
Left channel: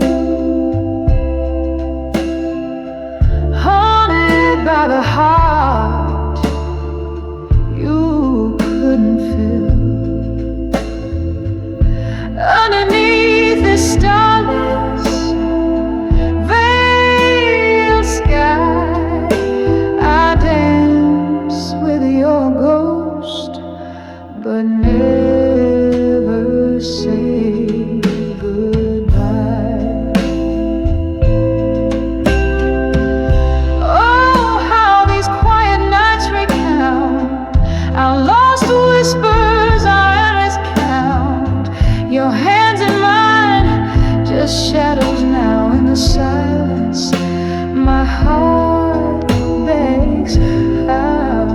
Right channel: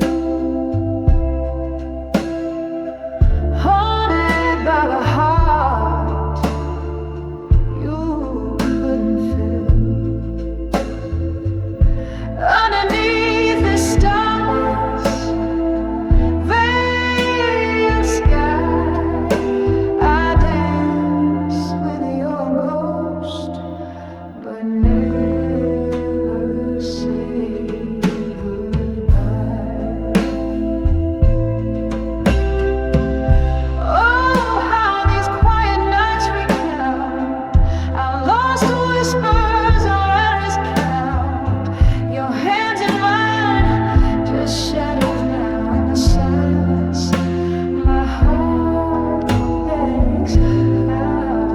haunted by the heart you couldn't fill. Underneath this starless veiled sky, I dance with your ghost, but never say goodbye. Oh, how these quiet nights recount our lost whispers, our endless count. Your hands in mine, just shadows now in the silence. My heart begs out.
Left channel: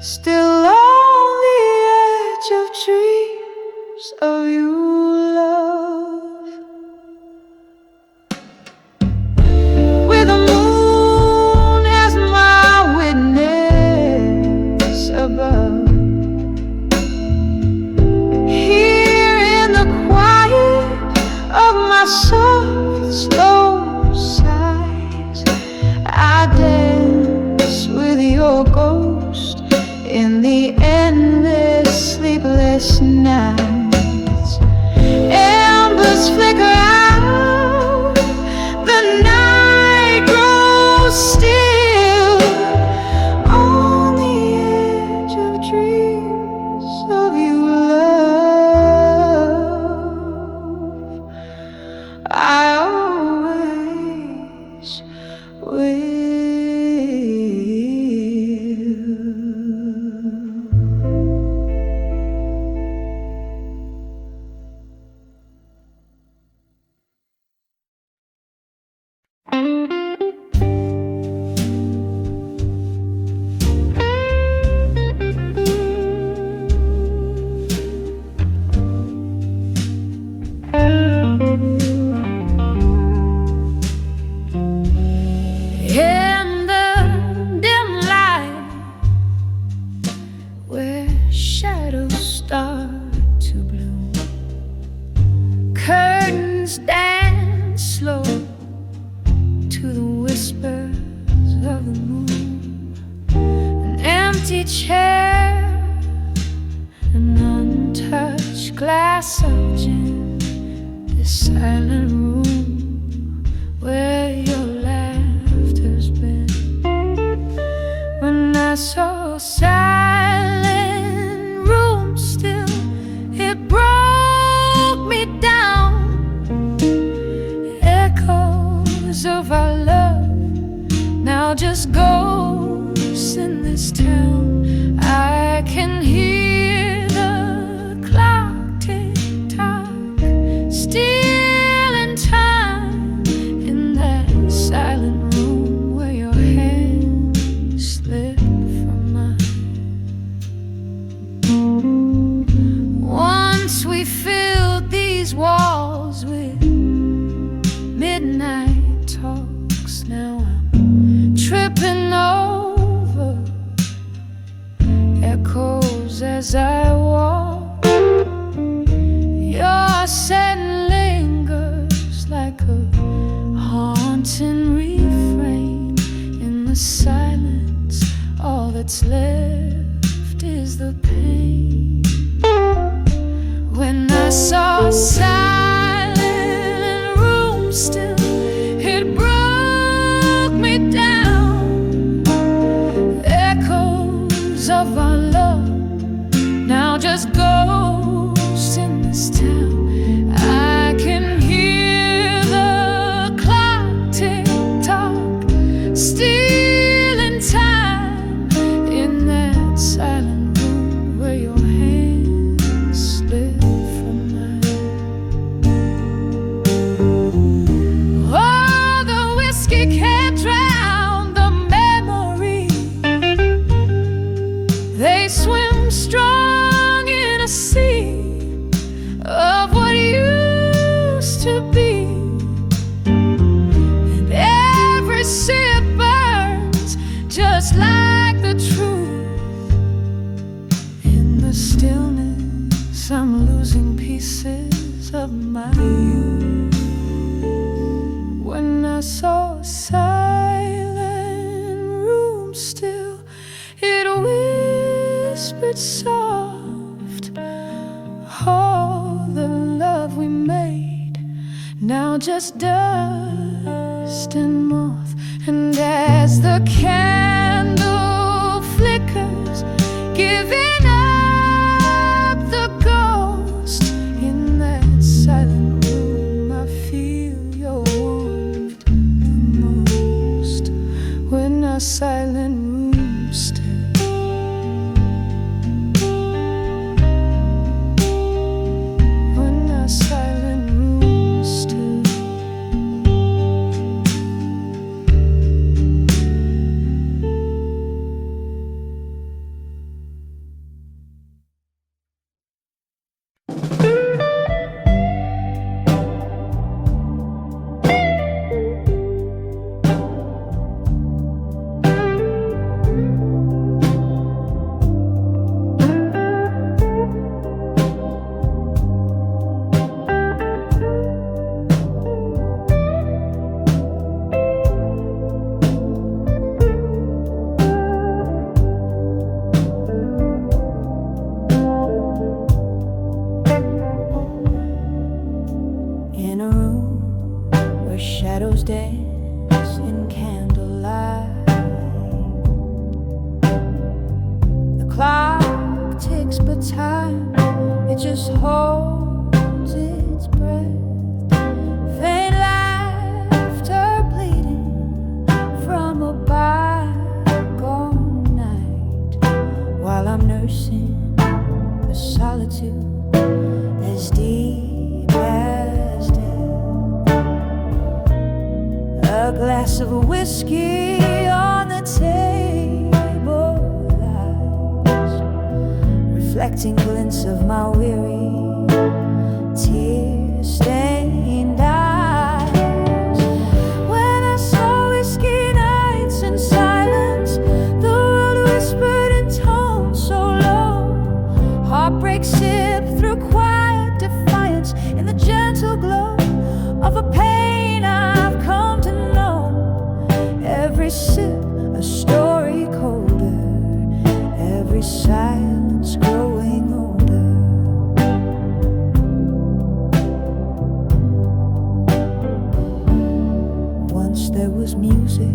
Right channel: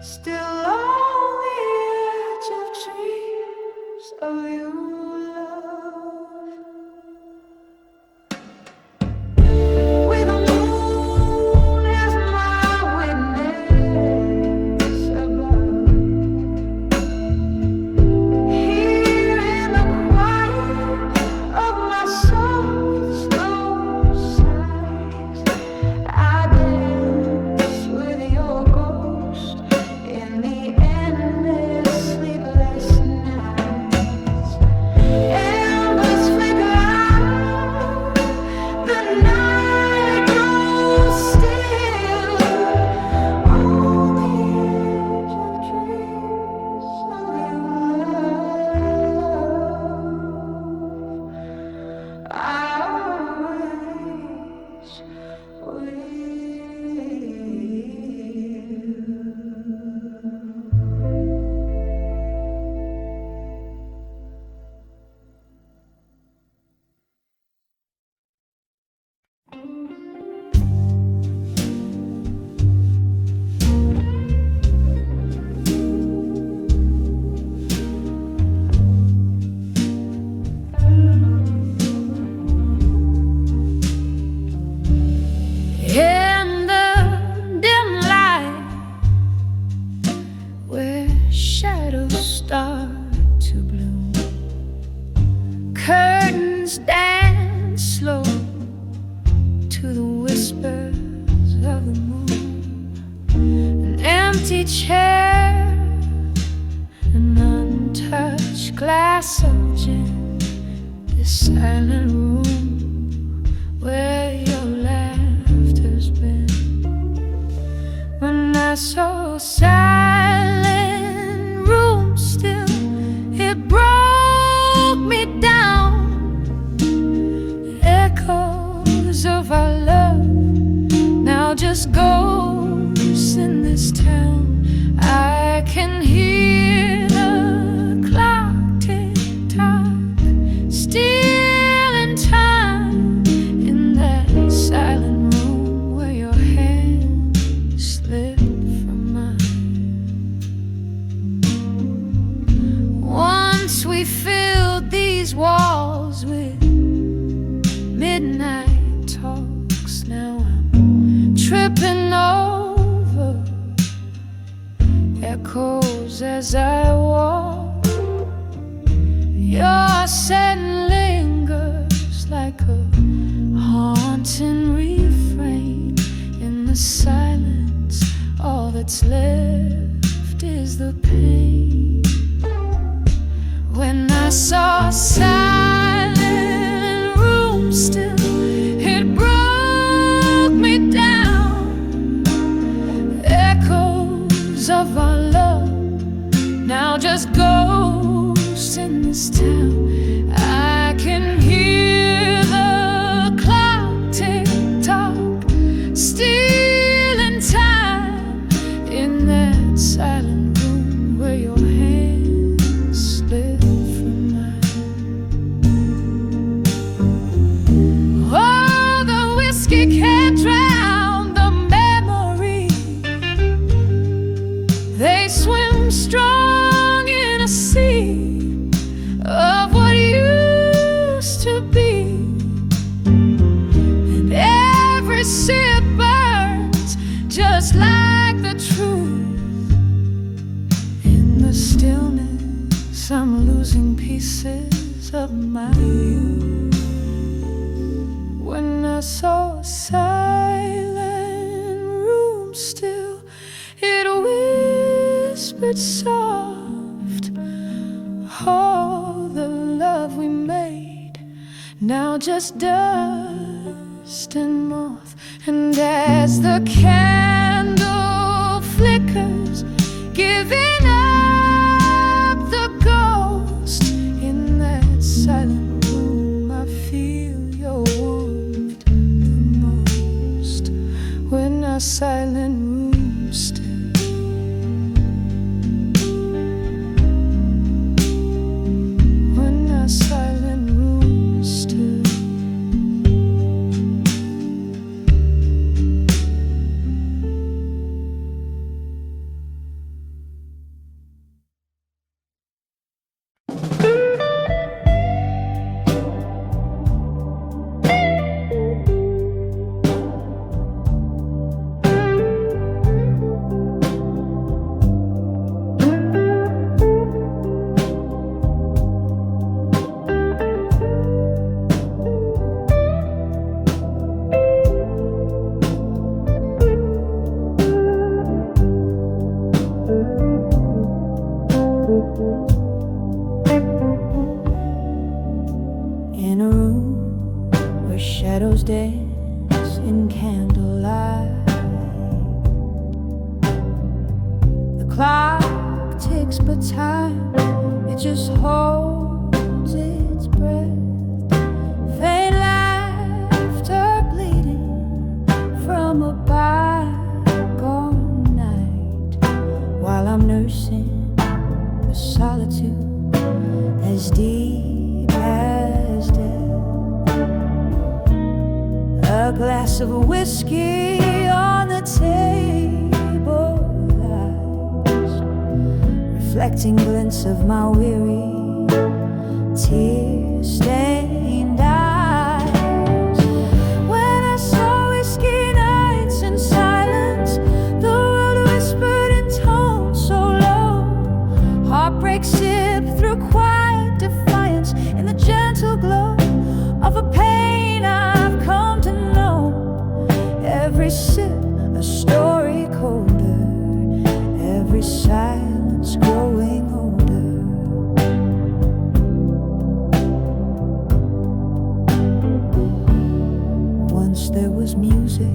Still on the edge of dreams of you, love, with the moon your ghost in the endless sleepless nights. Embers flicker out, the night grows still on the edge of dreams of you, love. I always will. In the dim light, where shadows start to bloom, curtains dance slow to the whispers of the moon. An empty chair, an untouched glass of gin, this silent room where your laughter's been. When I saw a silent room still, it broke me down. Echoes of our love, now just ghosts in this town. I can hear the clock tick tock, still in time, in that silent room where your hand slipped from mine. Once we filled these walls with midnight talks, now I'm tripping over echoes as I walk. Your scent lingers like a haunting refrain in the silence. All that's left is the pain. When I saw a silent room still, it broke me down. Echoes of our love, now just ghosts in this town. I can hear the clock tick tock, still in time, in that silent room where your hand slipped from mine. Oh, the whiskey can't drown the memory. They swim strong in a sea of what used to be, and every sip burns just like the truth. In the stillness, I'm losing pieces of my youth. When I saw a silent room still, it whispered soft, all the love we made, now just dust and moth. And as the candle flickers, giving up the ghost, in that silent room I feel your warmth the most. When our silent room still, when our silent room still. shadows dance in candlelight. The clock ticks, but time, it just holds its breath. Faint laughter bleeding from a bygone night, while I'm nursing a solitude as deep as death. A glass of whiskey on the table lies, reflecting glints of my weary, tear-stained eyes. When I saw whiskey nights in silence, the world whispered in tones so low. Heartbreak sipped through quiet defiance in the gentle glow of a pain I've come to know. Every sip a story colder, every silence growing older. Once there was music,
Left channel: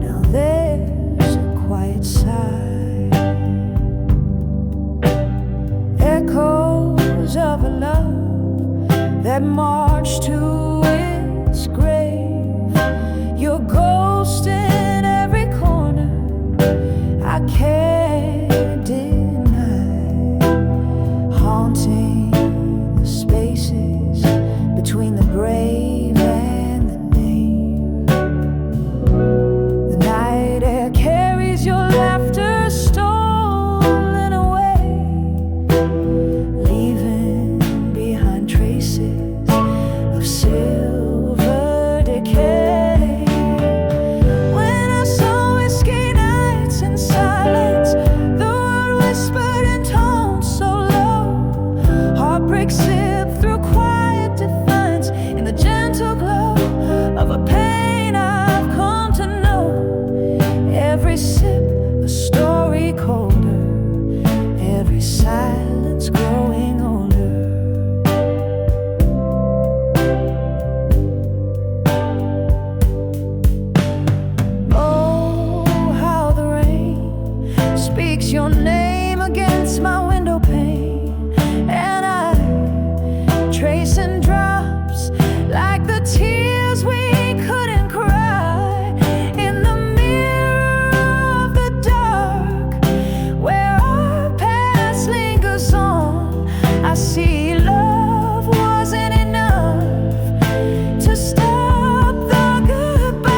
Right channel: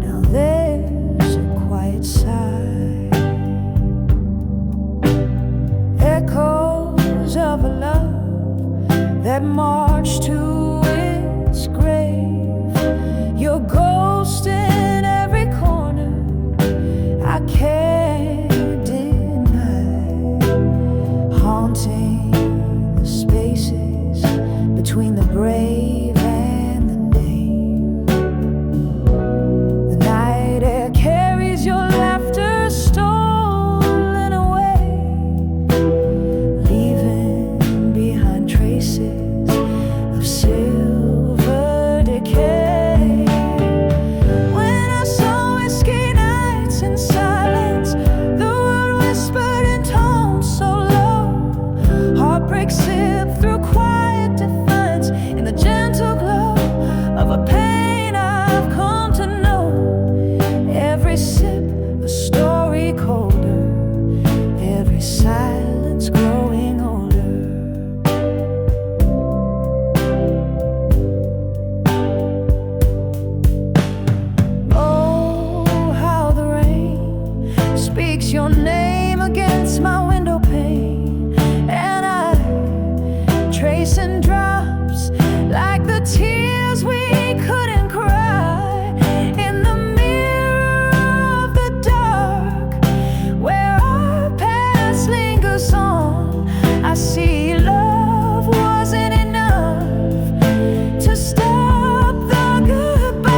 now there's a quiet sigh. Echoes of a love that marched to its grave. Your ghost in every corner, I can't deny, haunting the spaces between the brave and the name. The night air carries your laughter stolen away, leaving behind traces of silver decay. When I saw whiskey nights in silence, the world whispered in tones so low. Heartbreak sipped through quiet defiance in the gentle glow of a pain I've come to know. Every sip a story colder, every silence growing older. Oh, how the rain speaks your name against my window pane, and I trace in drops like the tears we couldn't cry. In the mirror of the dark, where our past lingers on, I see love wasn't enough to stop the goodbyes.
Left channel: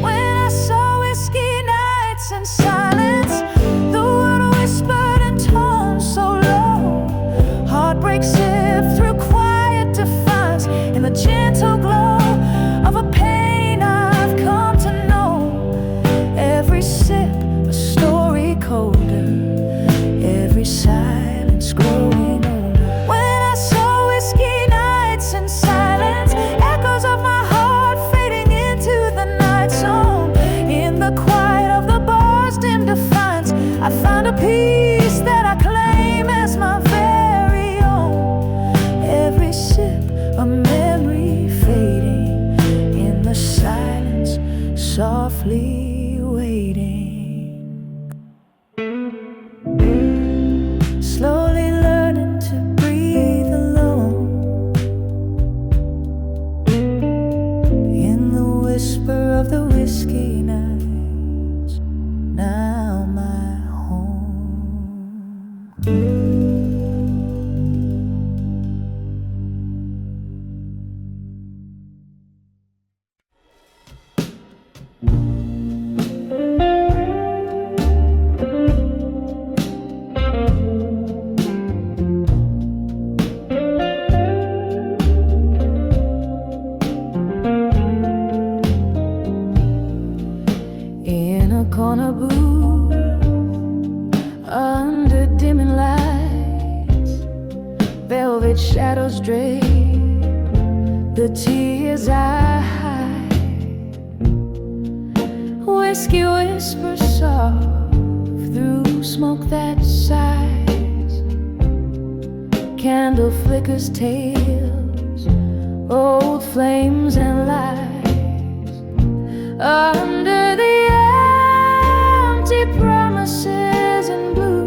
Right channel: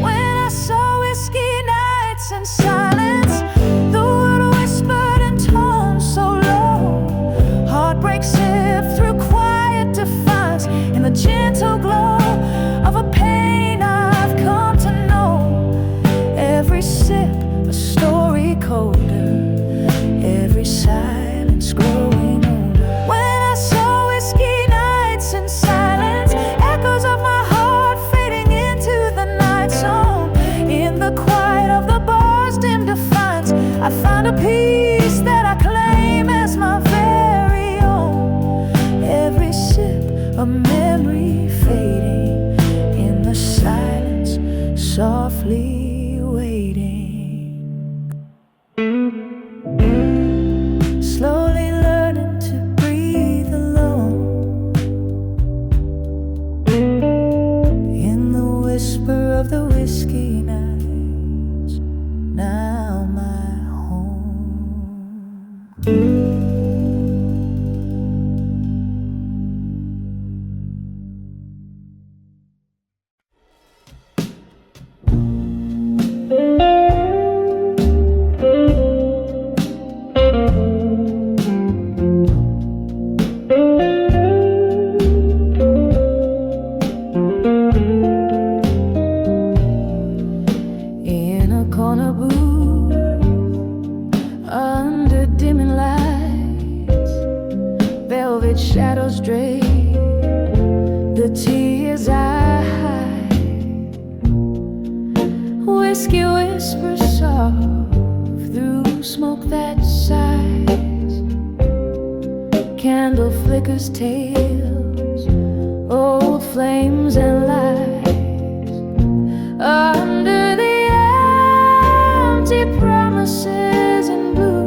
When I saw whiskey nights in silence, the world whispered in tones so low. Heartbreak sipped through quiet defiance in the gentle glow of a pain I've come to know. Every sip a story colder, every silence growing older. When I saw whiskey nights in silence, echoes of my heart fading into the night zone. In the quiet of the bar's dim defiance, I found a peace that I claim as my very own. Every sip a memory fading in the silence, softly waiting. Slowly learning to breathe alone in the whisper of the whiskey nights, now my home. In a corner booth, under dimming lights, velvet shadows drape the tears I hide. Whiskey whispers soft through smoke that sighs. Candle flickers tales old flames and lies under the empty promises in blue.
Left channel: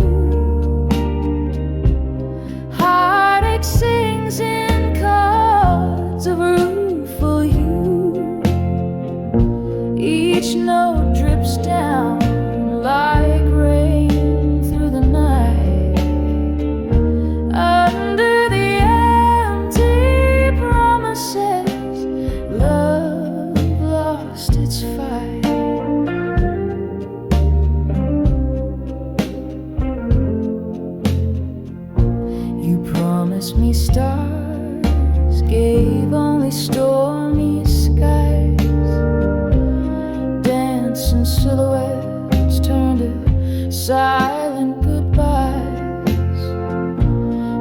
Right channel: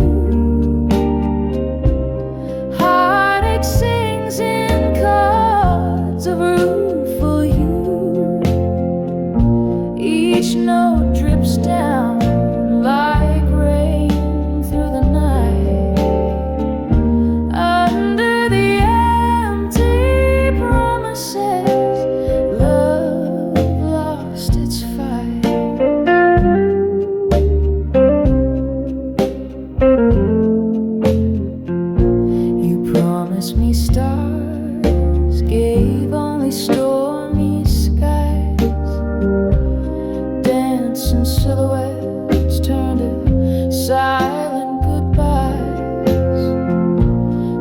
Heartache sings in chords of rueful hue. Each note drips down like rain through the night under the empty promises. Love lost its fight. You promised me stars, gave only stormy skies. Dancing silhouettes turned to silent goodbyes.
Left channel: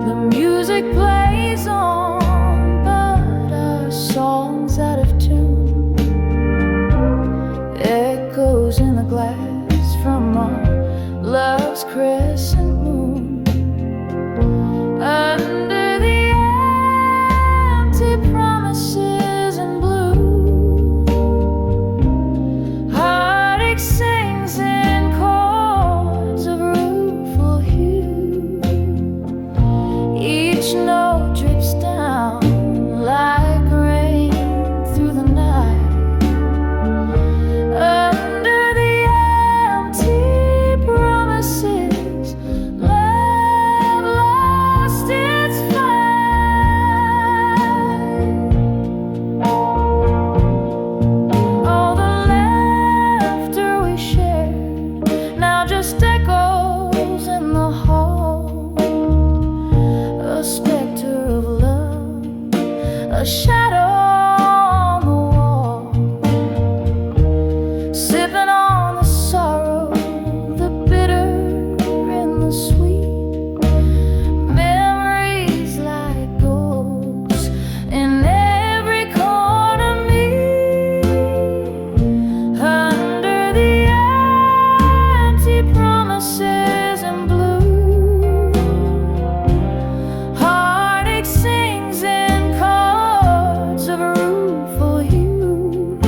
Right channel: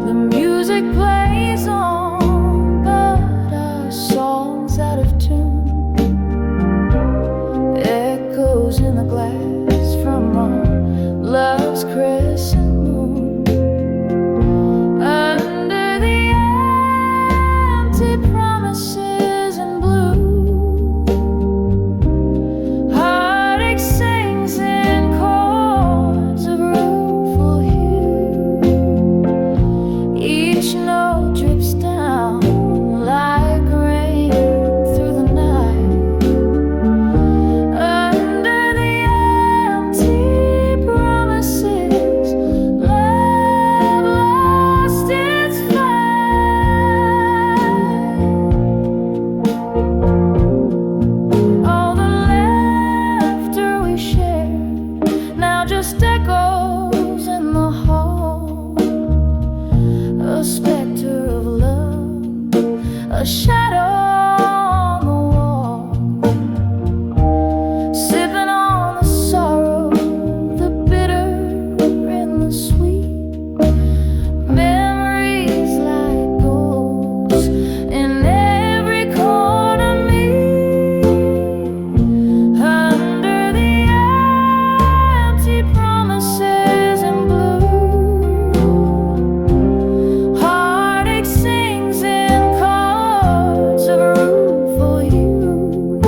The music plays on, but our song's out of tune. Echoes in the glass from our love's crescent moon. Under the empty promises in blue. Heartache sings in chords of rueful hue. Each note drips down like rain through the night under the empty promises. Love lost its fight. All the laughter we shared now just echoes in the hall. A specter of love, a shadow on the wall. Sipping on the sorrow, the bitter and the sweet. Memories like ghosts in every corner meet. Under the empty promises in blue. Heartache sings in chords of rueful hue.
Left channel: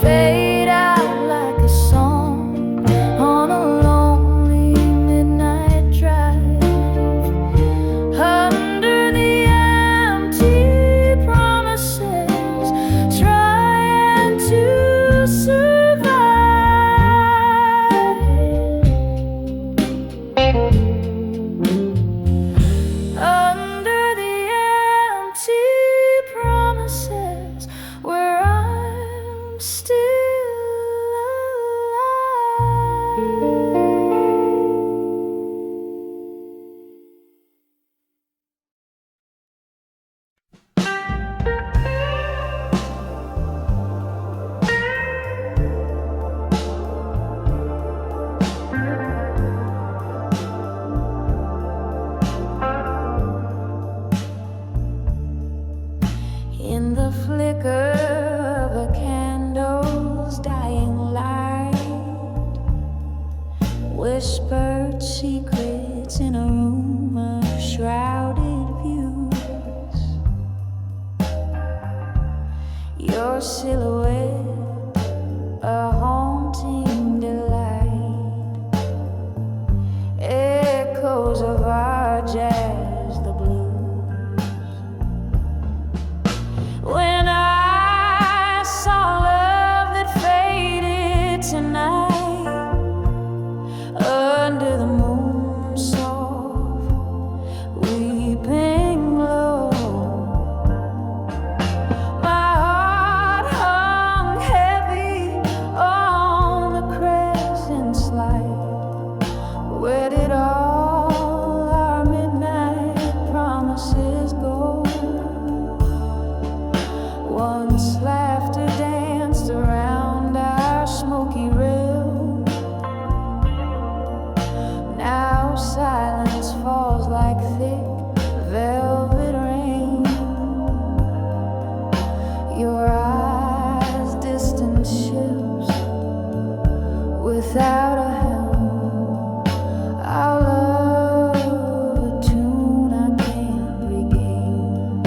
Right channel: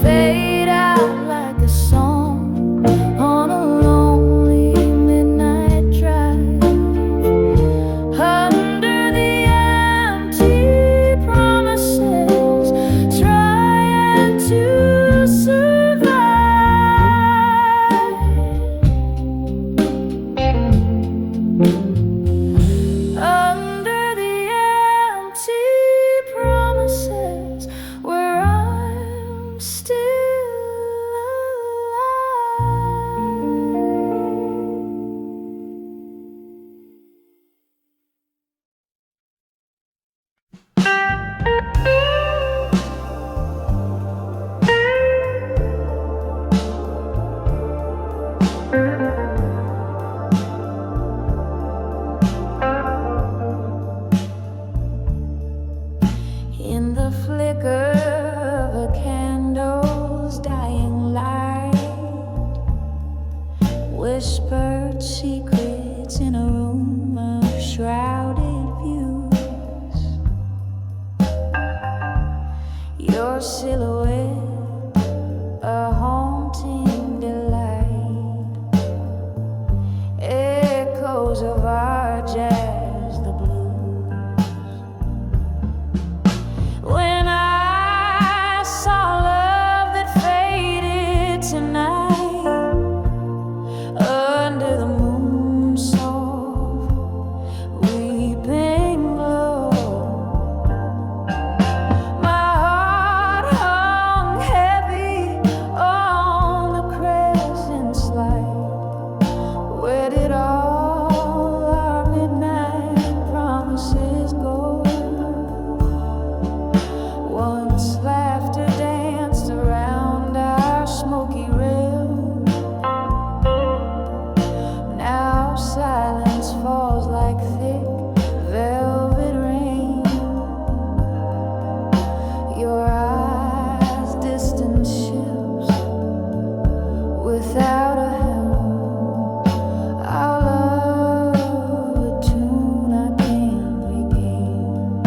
Fade out like a song on a lonely midnight drive. Under the empty promises, trying to survive. Under the empty promises, where I'm still in the flicker of a candle's dying light. Whispered secrets in a room of shrouded views. Your silhouette, a haunting delight. Echoes of our jazz, the blues. When I saw love that faded tonight, under the moon's soft weeping glow, my heart hung heavy on the crescent slide. Where did all our midnight promises go? Once laughter danced around our smoky realm. Now silence falls like thick velvet rain. Your eyes, distant ships without a helm. Our love, a tune I can't regain.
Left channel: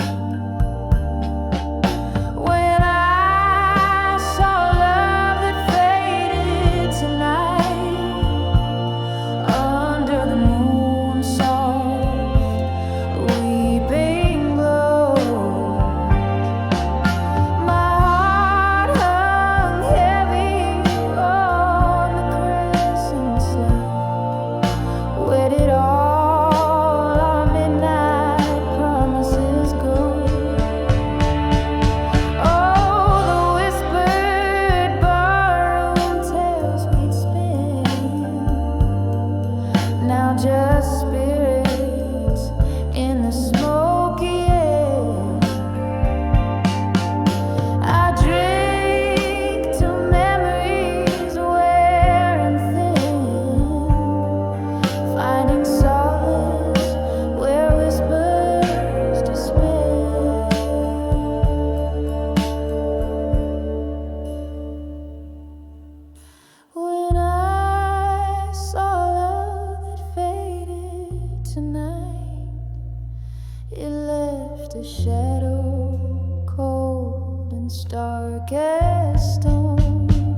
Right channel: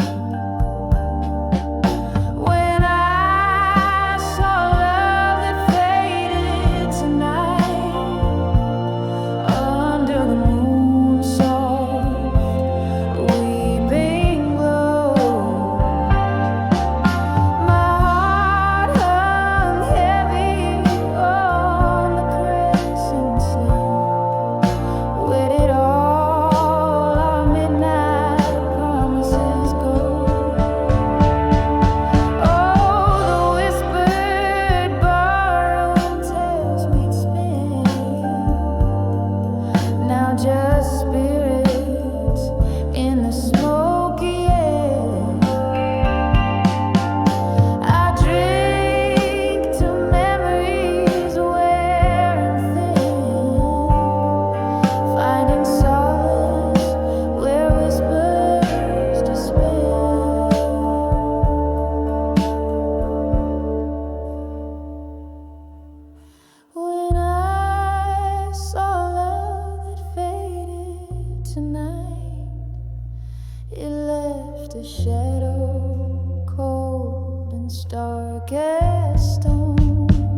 shadow, cold and stark as stone.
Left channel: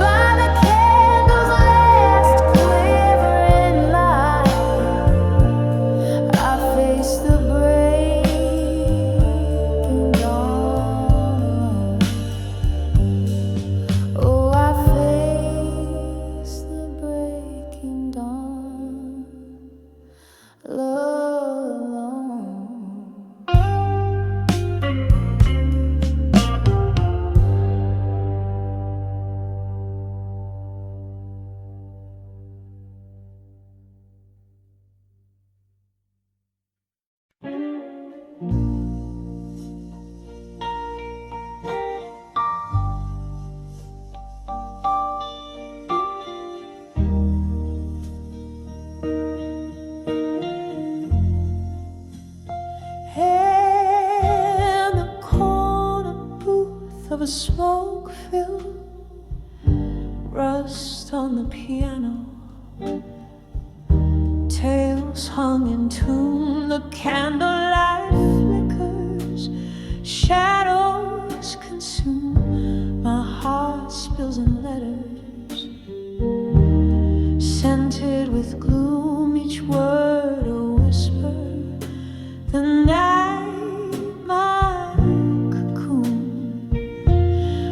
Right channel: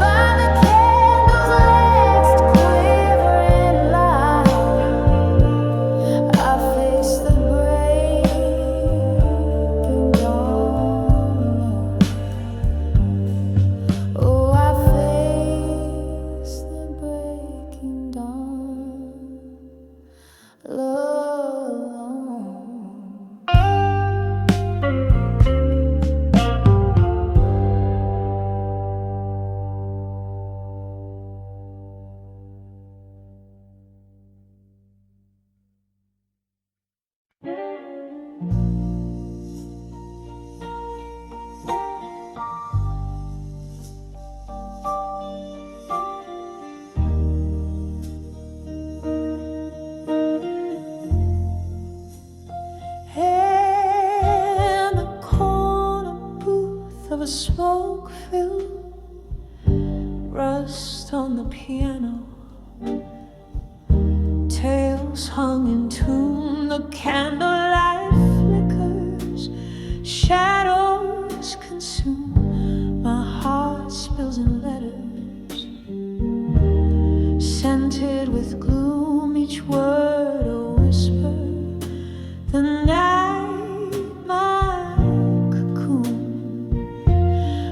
By the candle's last quivering light, I face the breaking dawn alone. Oh, I face the breaking dawn alone. In the corner booth of a smoke-filled, rust on the piano, tales hung in tune, the candlelight flickers, shadows consume, my heart spills in letters, scented with gloom, each word a whisper. The night, my cocoon.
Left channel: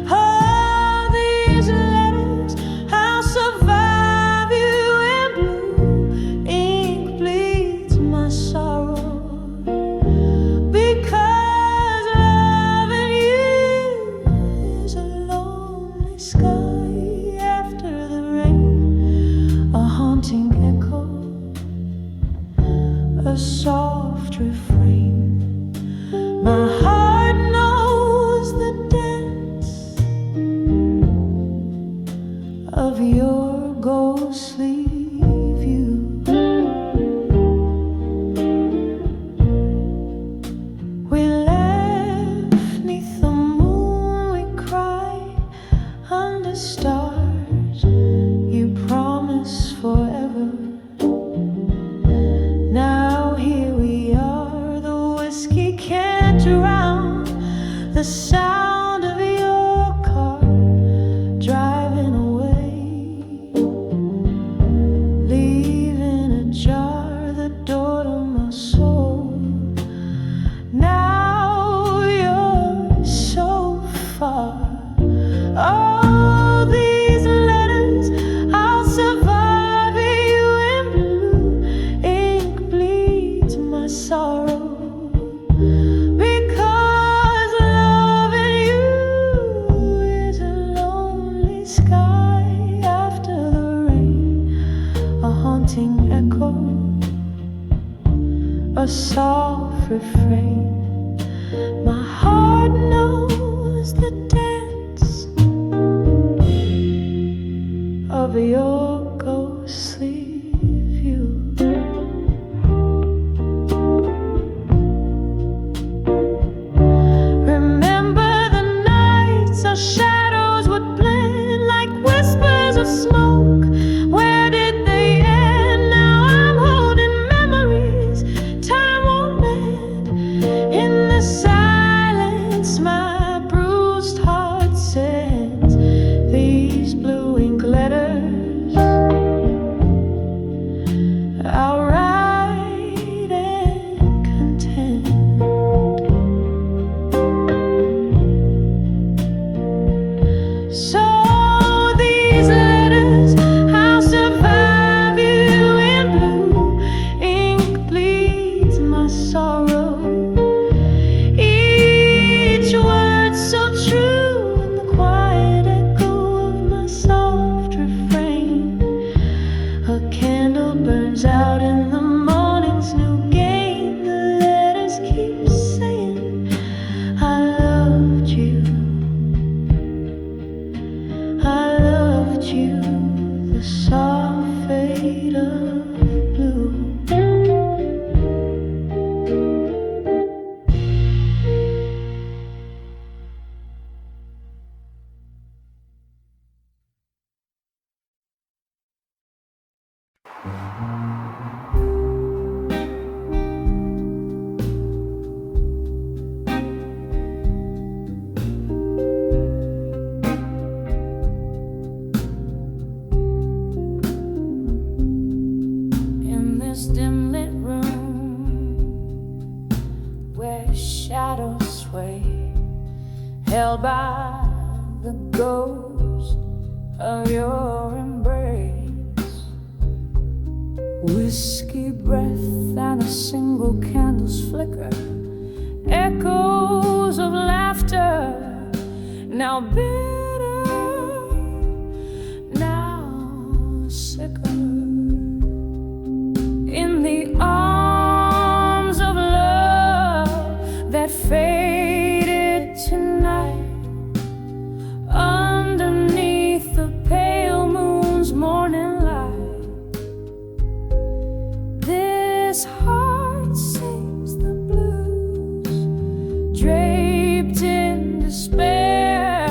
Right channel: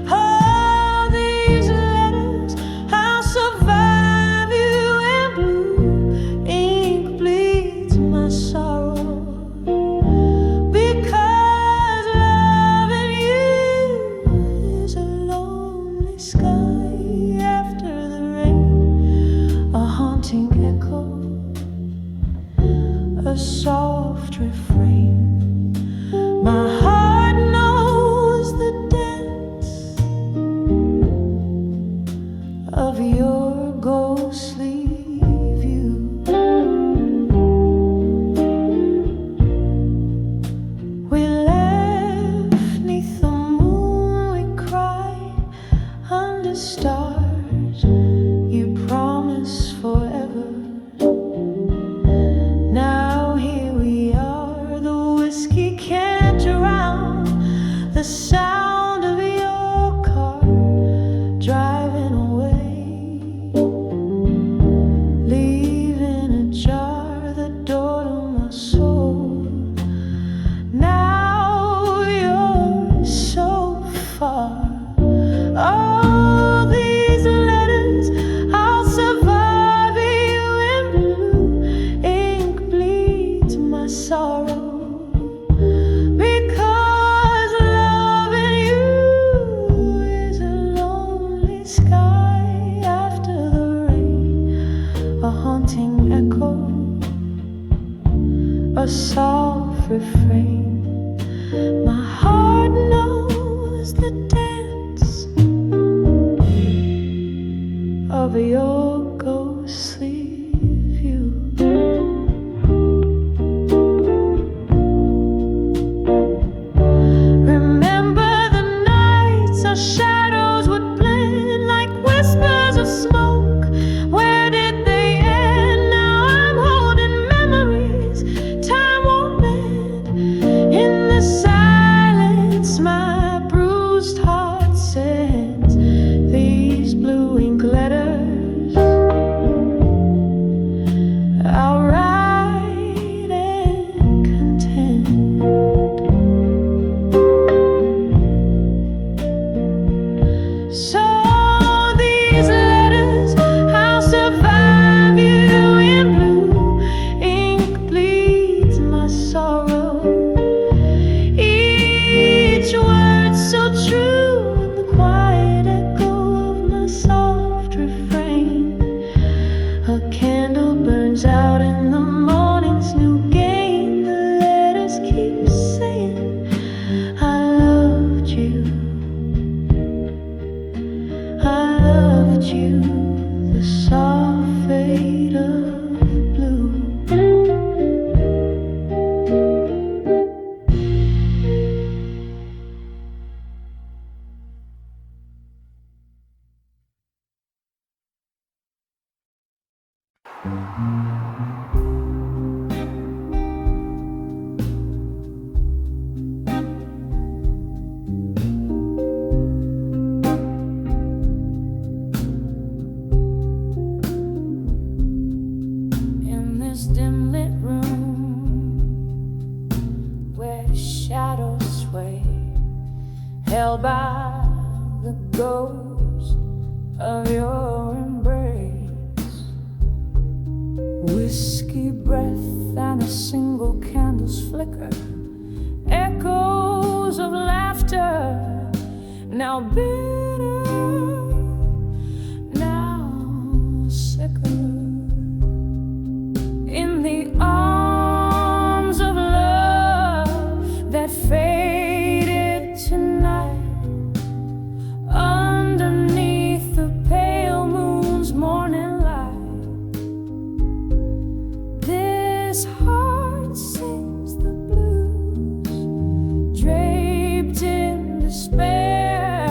Oh, these letters, I'll survive you in blue. Ink bleeds my sorrow, because loving you is a lonely sky after the rain, a haunting echo, a soft refrain. My heart knows the dance of your ghostly view. We left 'neath the moon, we cried under stars. You promised forever. Now here we are, the whiskey can't drown the sound of your car driving away, leaving ajar the door to my soul. Now you're so far. Oh, these letters, I'll survive you in blue. Ink bleeds my sorrow, because loving you is a lonely sky after the rain, a haunting echo, a soft refrain. My heart knows the dance of your ghostly view. Remember the nights our shadows would blend like whispers of smoke. Where did they end? Now I'm holding memories time won't mend. In the silence my bruised heart sends these blue ink letters. I'll write and contend. So these letters, I'll survive you in blue. Ink bleeds my sorrow, each word so true in the quiet echo of my soft refrain. A candle burns out in the morning's new gain. The letters keep saying I loved you, I loved you. The soft fade of blue. by the ghost of your embrace. Whiskey breath and a single candle's flicker, echoes of laughter, now bitter, now sicker. In the arms of love that faded tonight, underneath the pale moon's morning light, this heart sings the blues, draped in despair,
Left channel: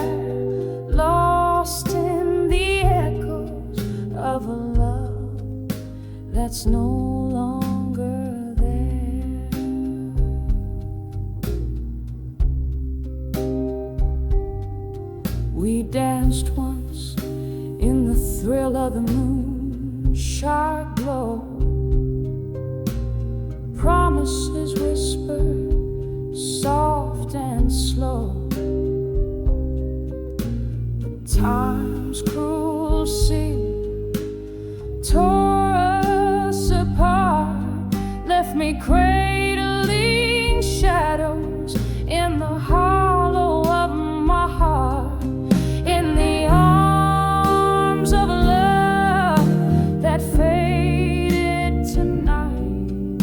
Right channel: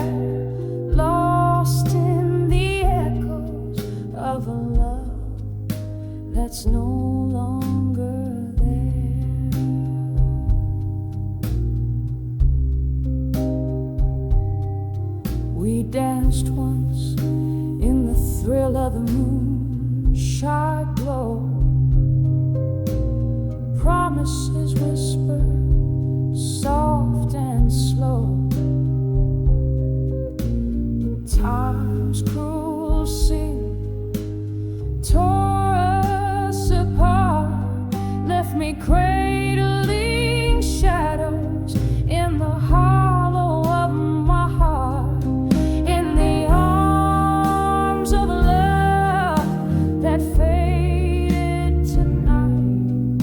lost in the echoes of a love that's no longer there. We danced once in the thrill of the moon, sharp glow, promises whispered, soft and slow. But time's cruel seam tore us apart, left me cradling shadows in the hollow of my heart. In the arms of love that faded tonight,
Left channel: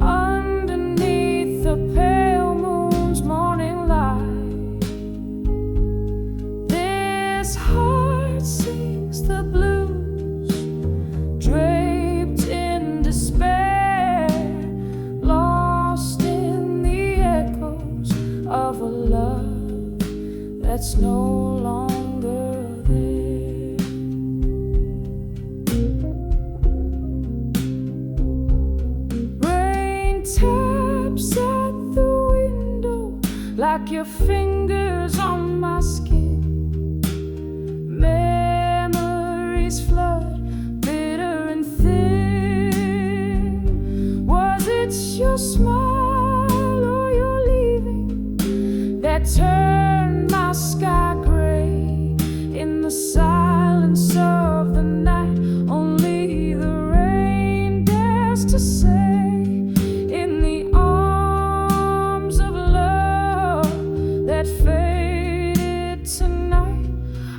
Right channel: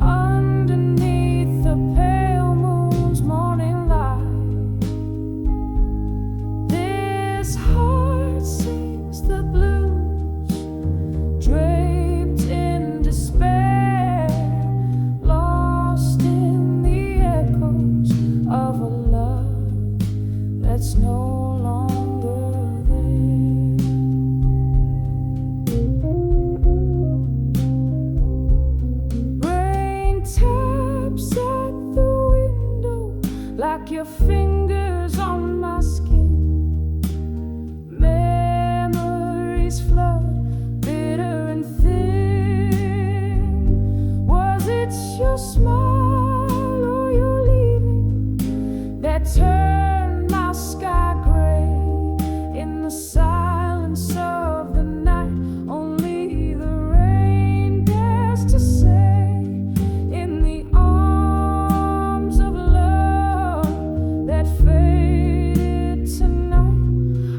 underneath the pale moon's morning light, this heart sings the blues, draped in despair, lost in the echoes of a love that's no longer there. Rain taps at the window like your fingers on my skin. Memories flood, bitter and thin. Was it your smile or your leaving that turned my sky gray? In the silence of the night, only the rain dares to say. In the arms of love that faded tonight,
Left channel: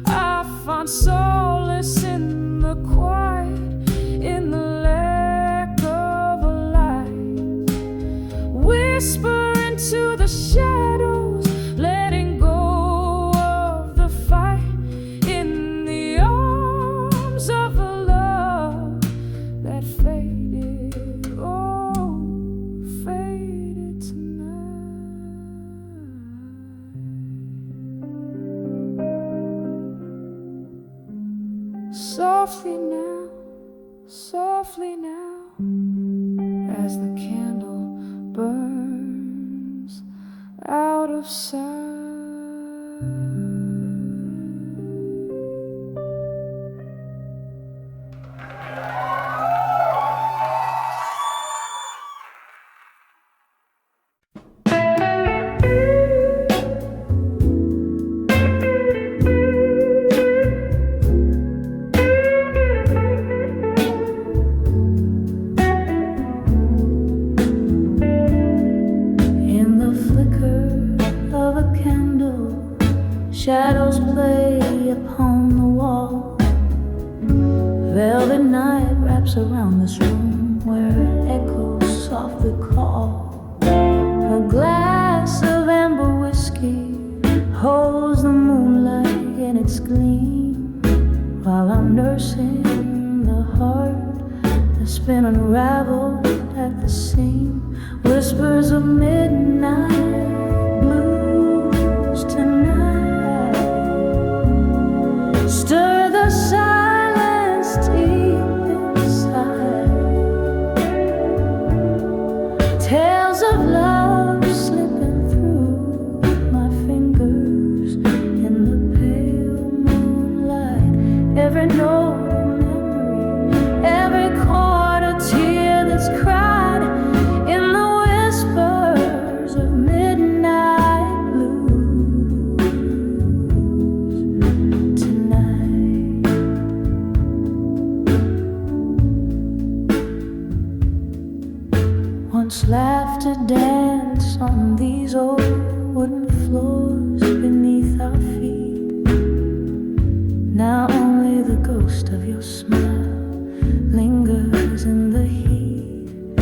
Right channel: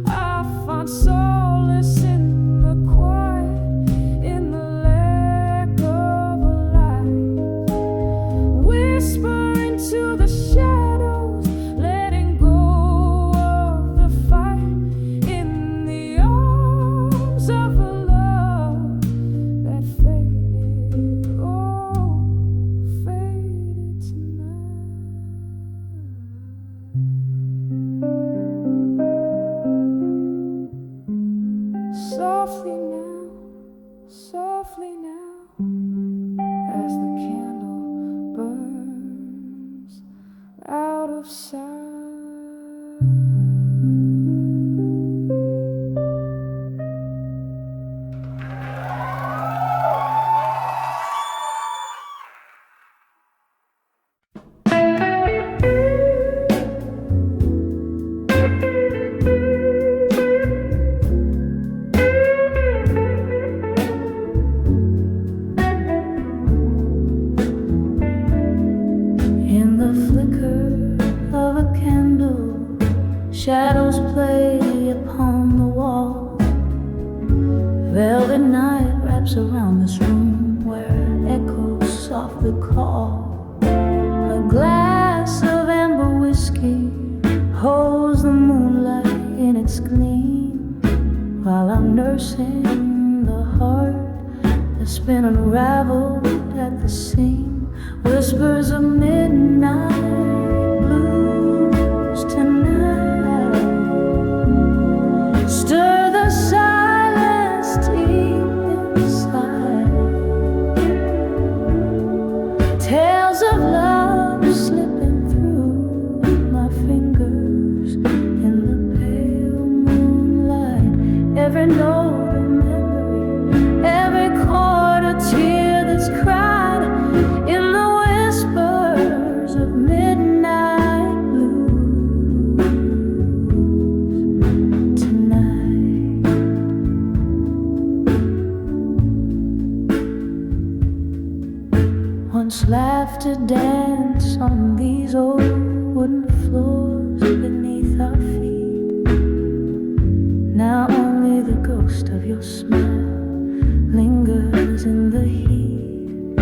I found solace in the quiet, in the lack of a light. Whisper into the shadows, letting go of the fight. In the arms of the love that faded, oh, faded tonight. Softly now, as the candle burns out of sight. In the flicker of a candle, shadows play upon the wall. Velvet night wraps around this room where echoes softly call. A glass of amber whiskey holds the moonlight in its gleam, while I'm nursing the heart that's been unraveled at the seam. Whispers of midnight blues tonight stir the silence deep inside. Tales of love slipping through my fingers in the pale moonlight. Every note a memory, every chord a tear that's cried in the whispers of midnight blues. Once laughter dance on these old wooden floors beneath our feet. Now only the ghost of your smile lingers in the heat.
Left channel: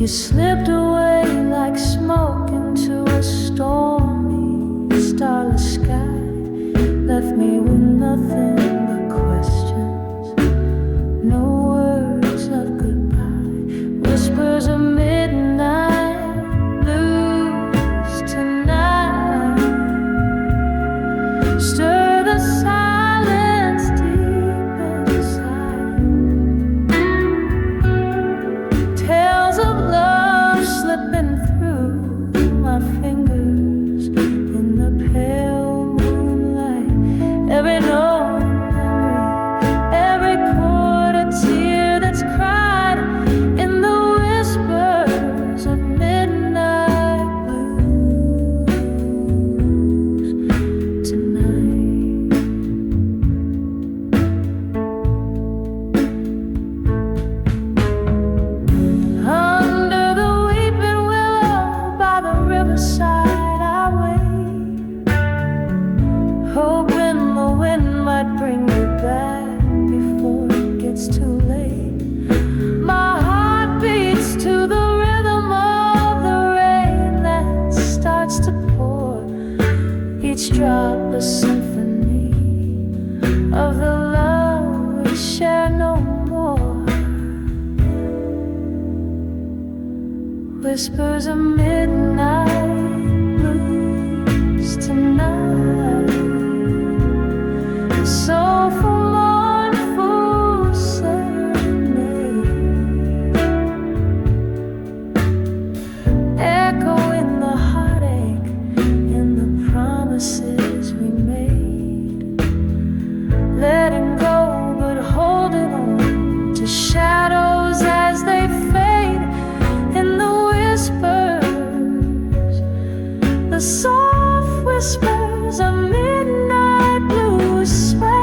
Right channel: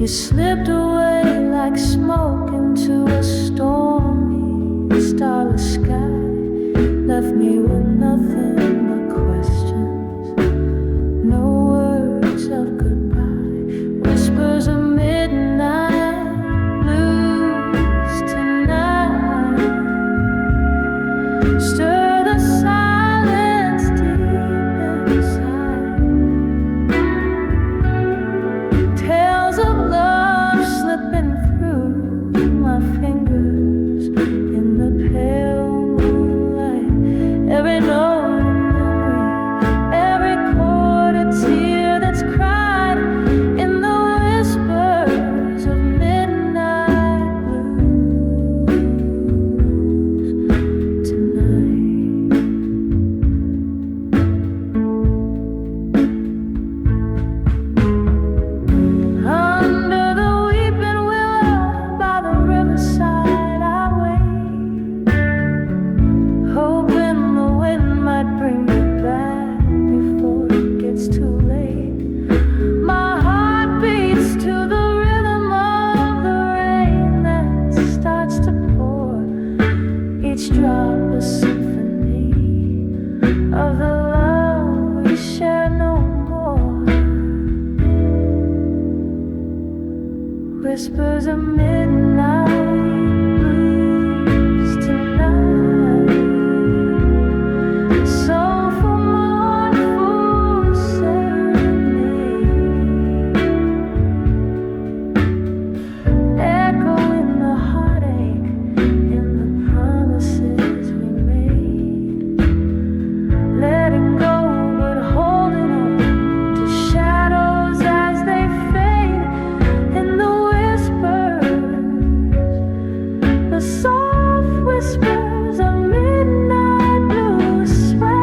You slipped away like smoke into a stormy, starless sky. Left me with nothing but questions, no words of goodbye. Whispers of midnight blues tonight. Stir the silence deep inside. Tales of love slipping through my fingers in the pale moonlight. Every note a memory, every chord a tear that's cried in the whispers of midnight blues tonight. Under the weeping willow by the riverside I wait, hoping the wind might bring you back before it gets too late. My heart beats to the rhythm of the rain that starts to pour, each drop a symphony of the love we share no more. Whispers of midnight blues tonight. Soulful mournful serenade, echo in the heartache, in the promises we made. Letting go but holding on to shadows as they fade. In the whispers, the soft whispers of midnight blues sway.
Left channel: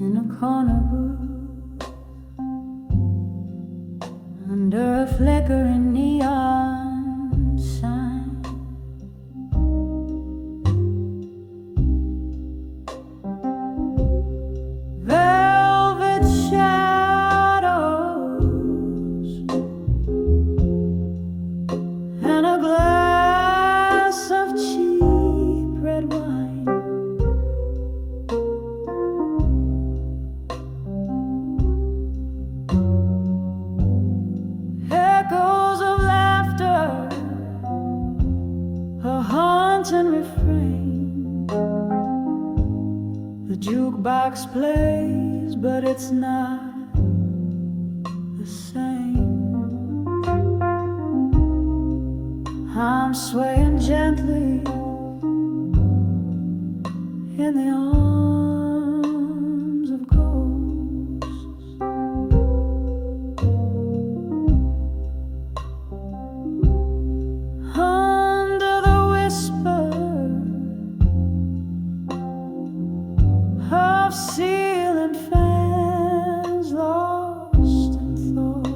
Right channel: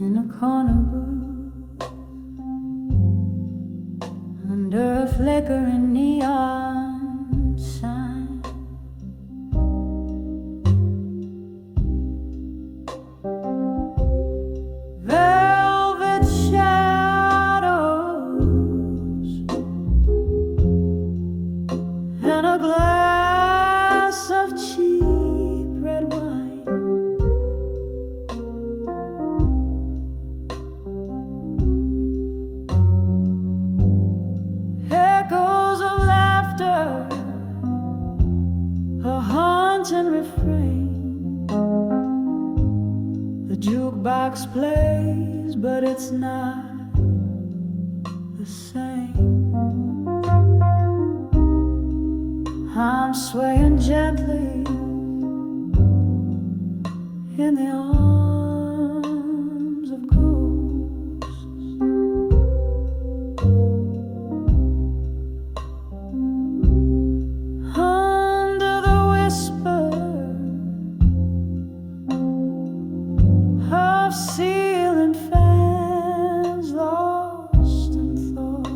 In a corner booth, under a flickering neon sign, velvet shadows, and a glass of cheap red wine. Echoes of laughter, a haunting refrain. The jukebox plays, but it's not the same. I'm swaying gently in the arms of ghosts. Under the whisper of ceiling fans, lost in thought.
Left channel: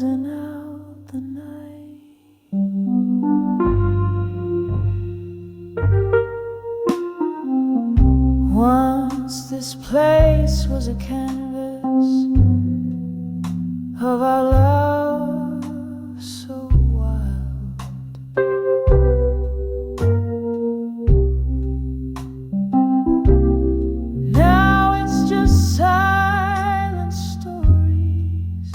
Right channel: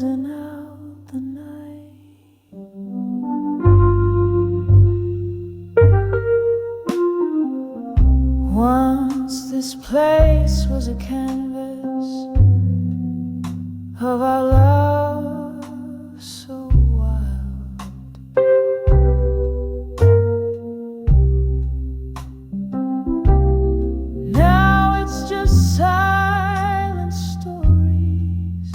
closing out the night. Once this place was a canvas of our love so wild. Now it's just silent stories,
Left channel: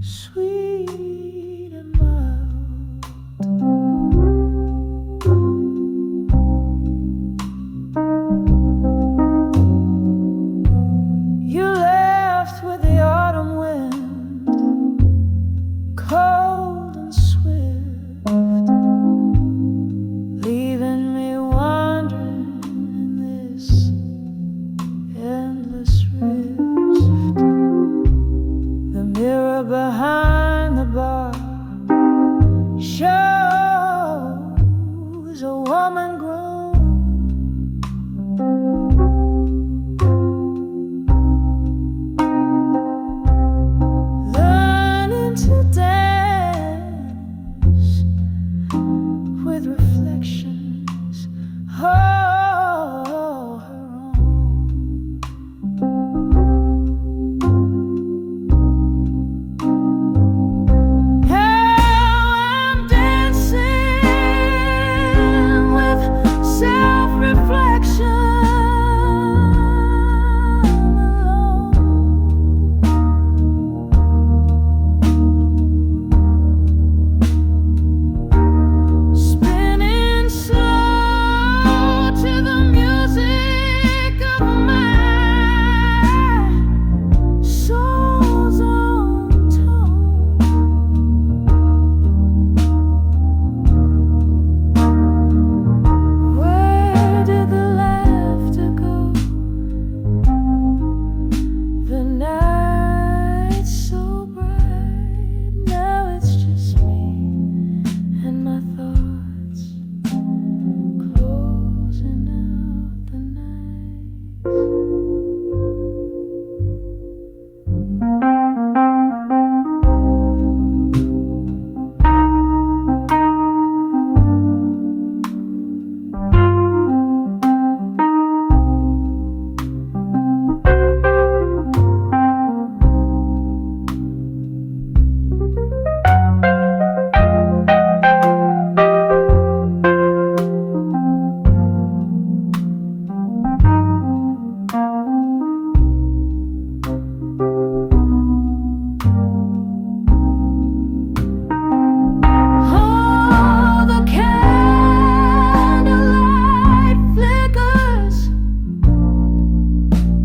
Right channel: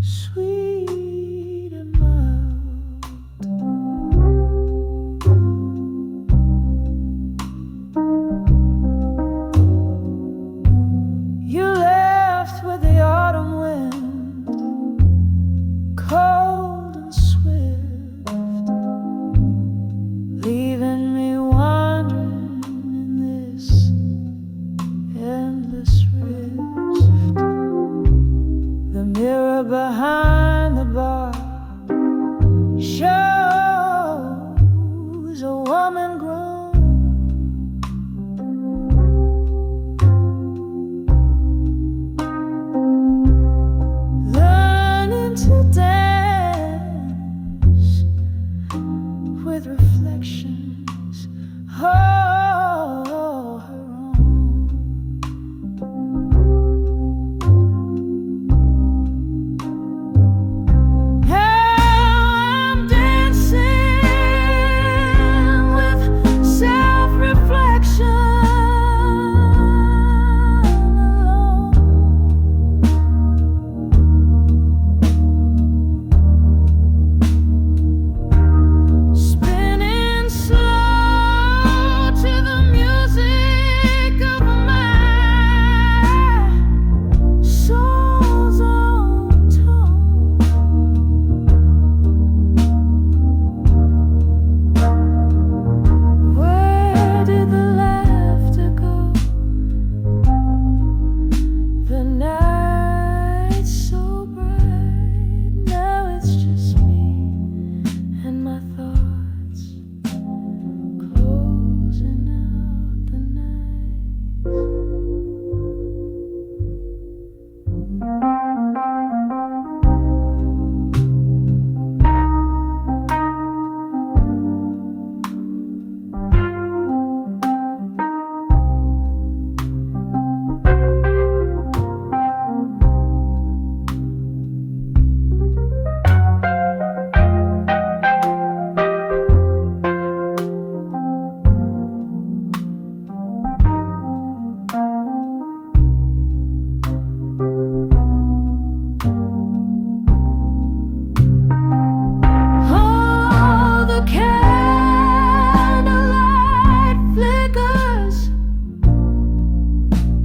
sweet and mild. You left with the autumn wind, cold and swift, leaving me wandering in this endless rift. The mirror behind the bar shows a woman grown, to dance with reflections of her own. Now I'm dancing with self-reflection. The night's so bright, now it's just me and my thoughts closing out the night. Candlelight flickers,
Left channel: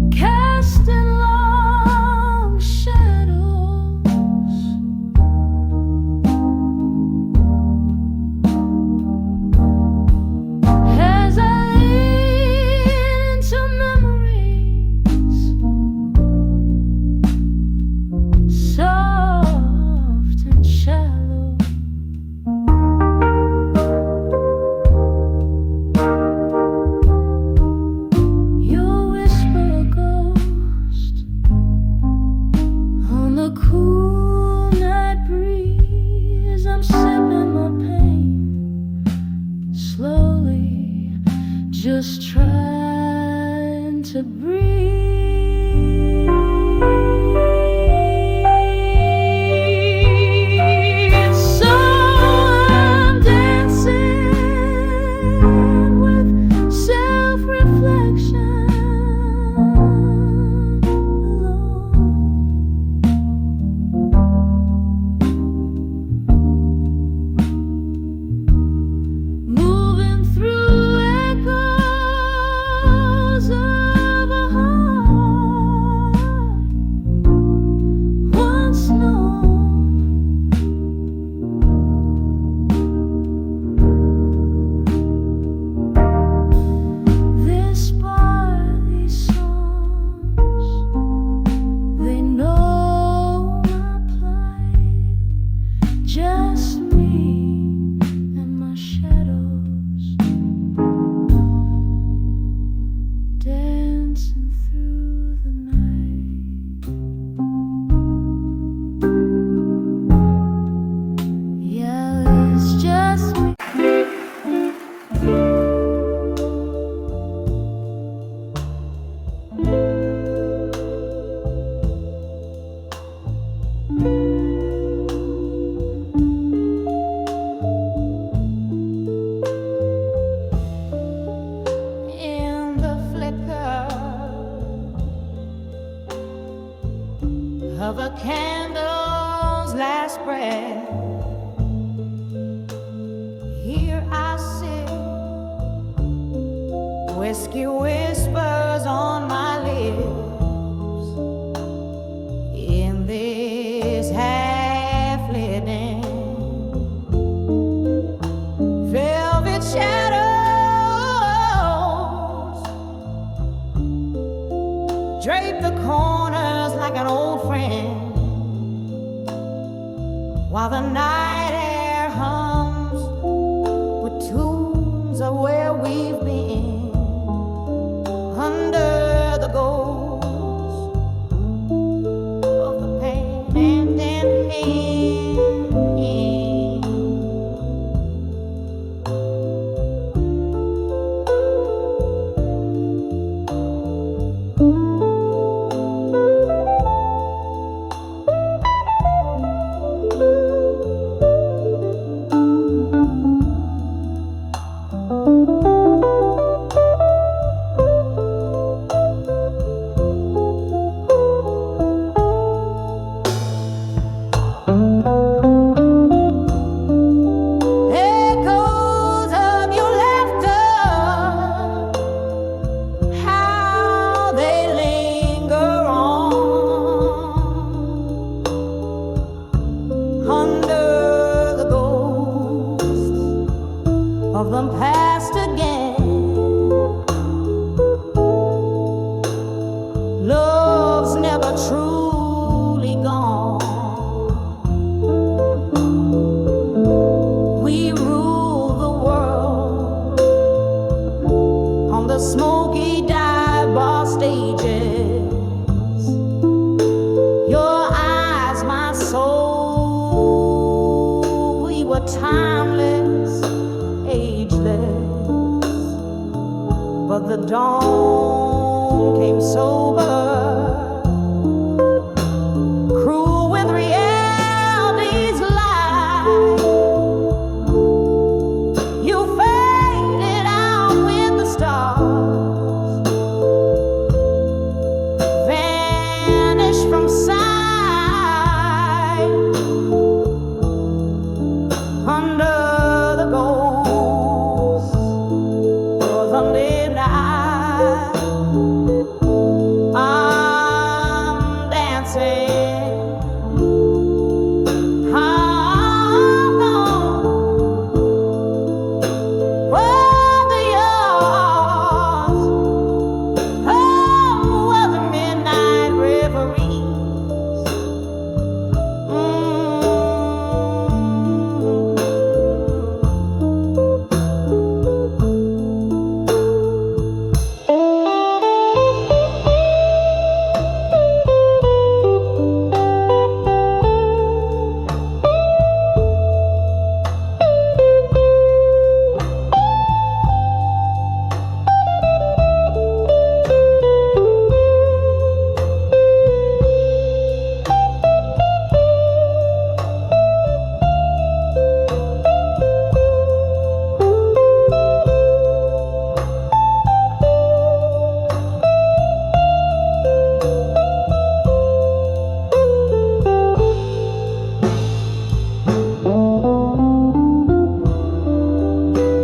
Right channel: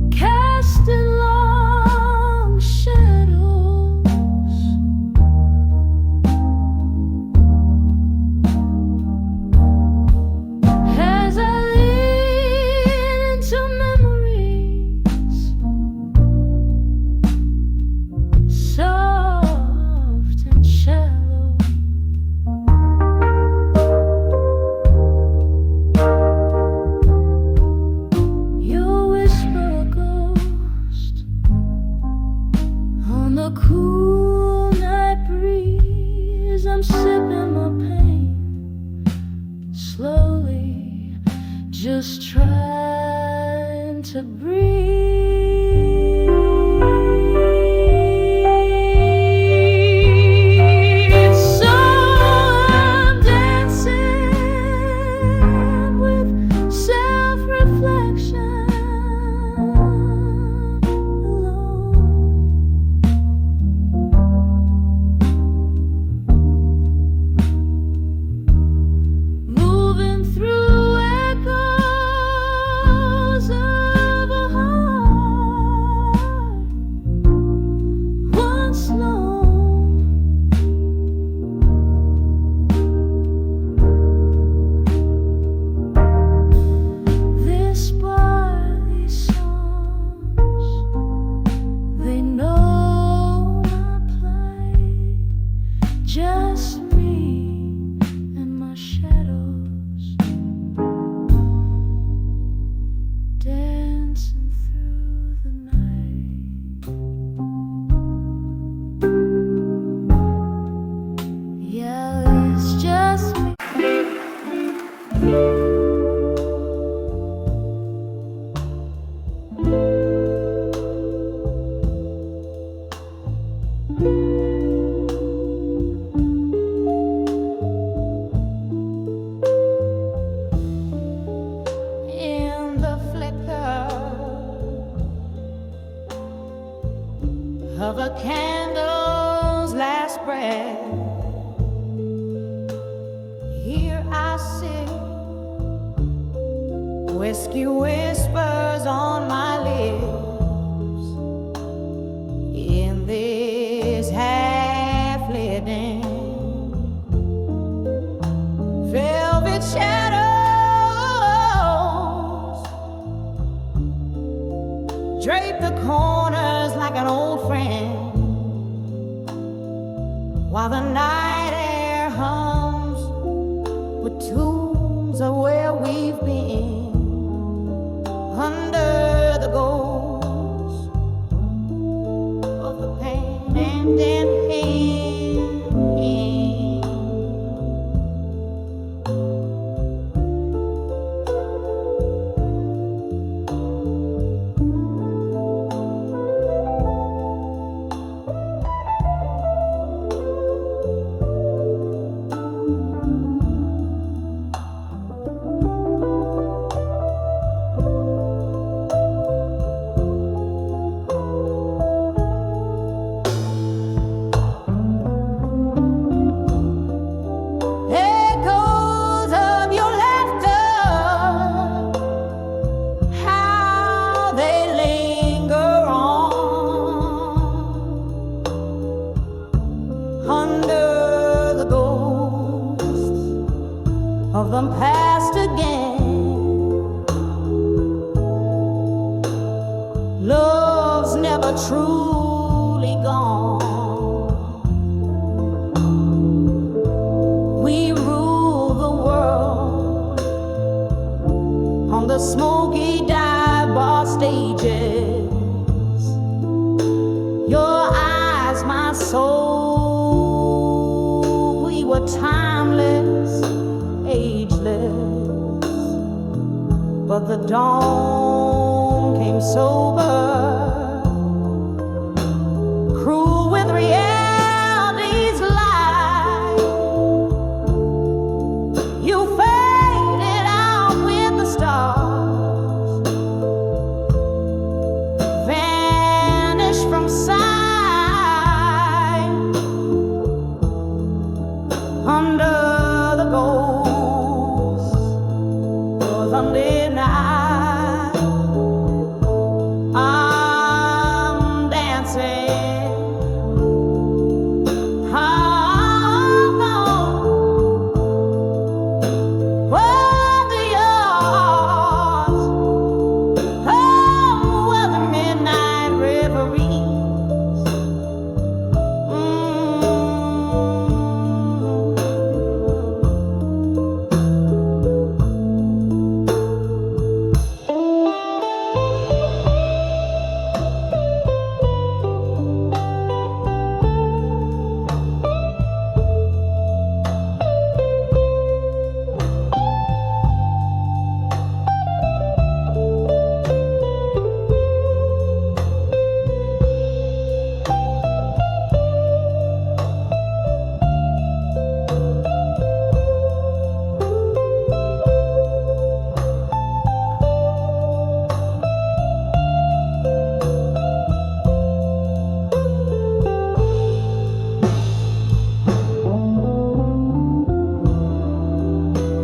casting long shadows. As I lean into memories, soft and shallow. Whisper a ghost on the cool night breeze. I'm sipping my pain slowly, just trying to breathe. So I'm dancing with self-reflection. Moving through echoes of a heart once known. This bar, these songs, they know my plight. Just me and my shadows dancing through the night. it's just me. In the flicker of a candle's last breath, here I sit, whiskey whispers on my lips, in this half-lit den, velvet shadows drape the corners like an old friend, while the night air hums with tunes of where we've been, under the ghost of the pain and pain. Echoes of your laughter, how they linger on under the ghosts of them past again. Love's never truly gone. We rule the world on the smoky dive bar stages. Your eyes, my soul, we were timeless, ageless, but the dawn came sober, cruel with reality's lie. You faded out with the stars, vanished from sight, under the ghost of the midnight. I'm dancing.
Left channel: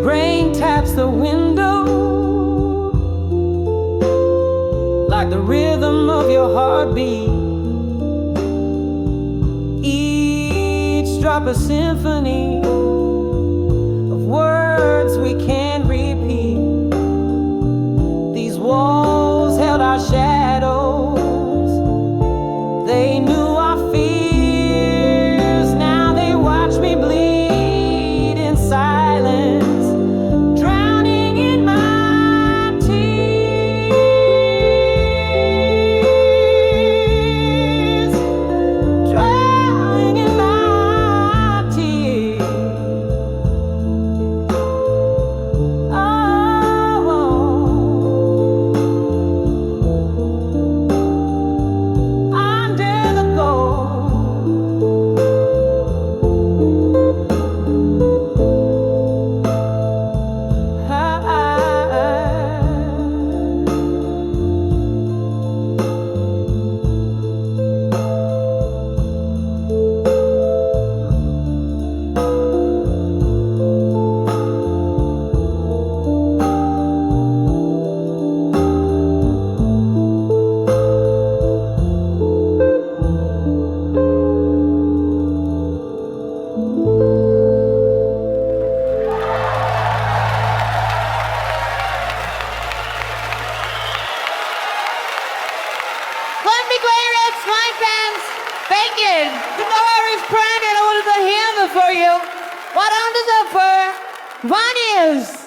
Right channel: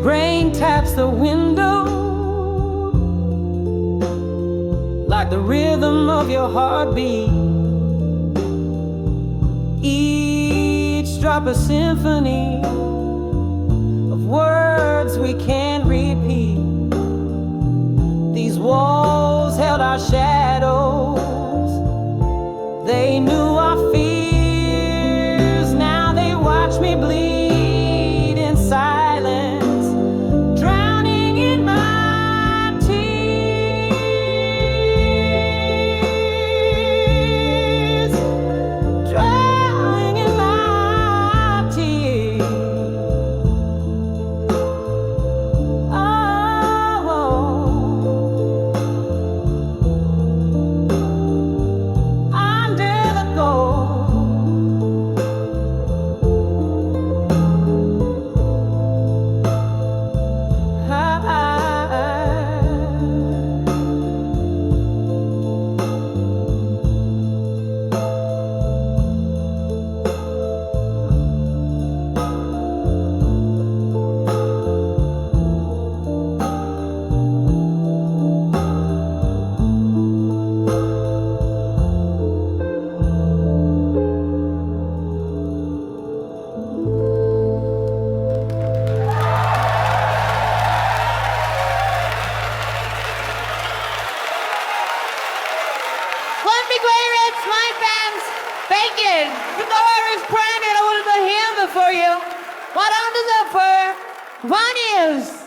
Rain taps the window like the rhythm of your heartbeat. Each drop a symphony of words we can't repeat. These walls held our shadows. They knew our fears. Now they watch me bleed in silence. fans. Thank you. The door is branded. I wanted to hear for you. What on the for? One is.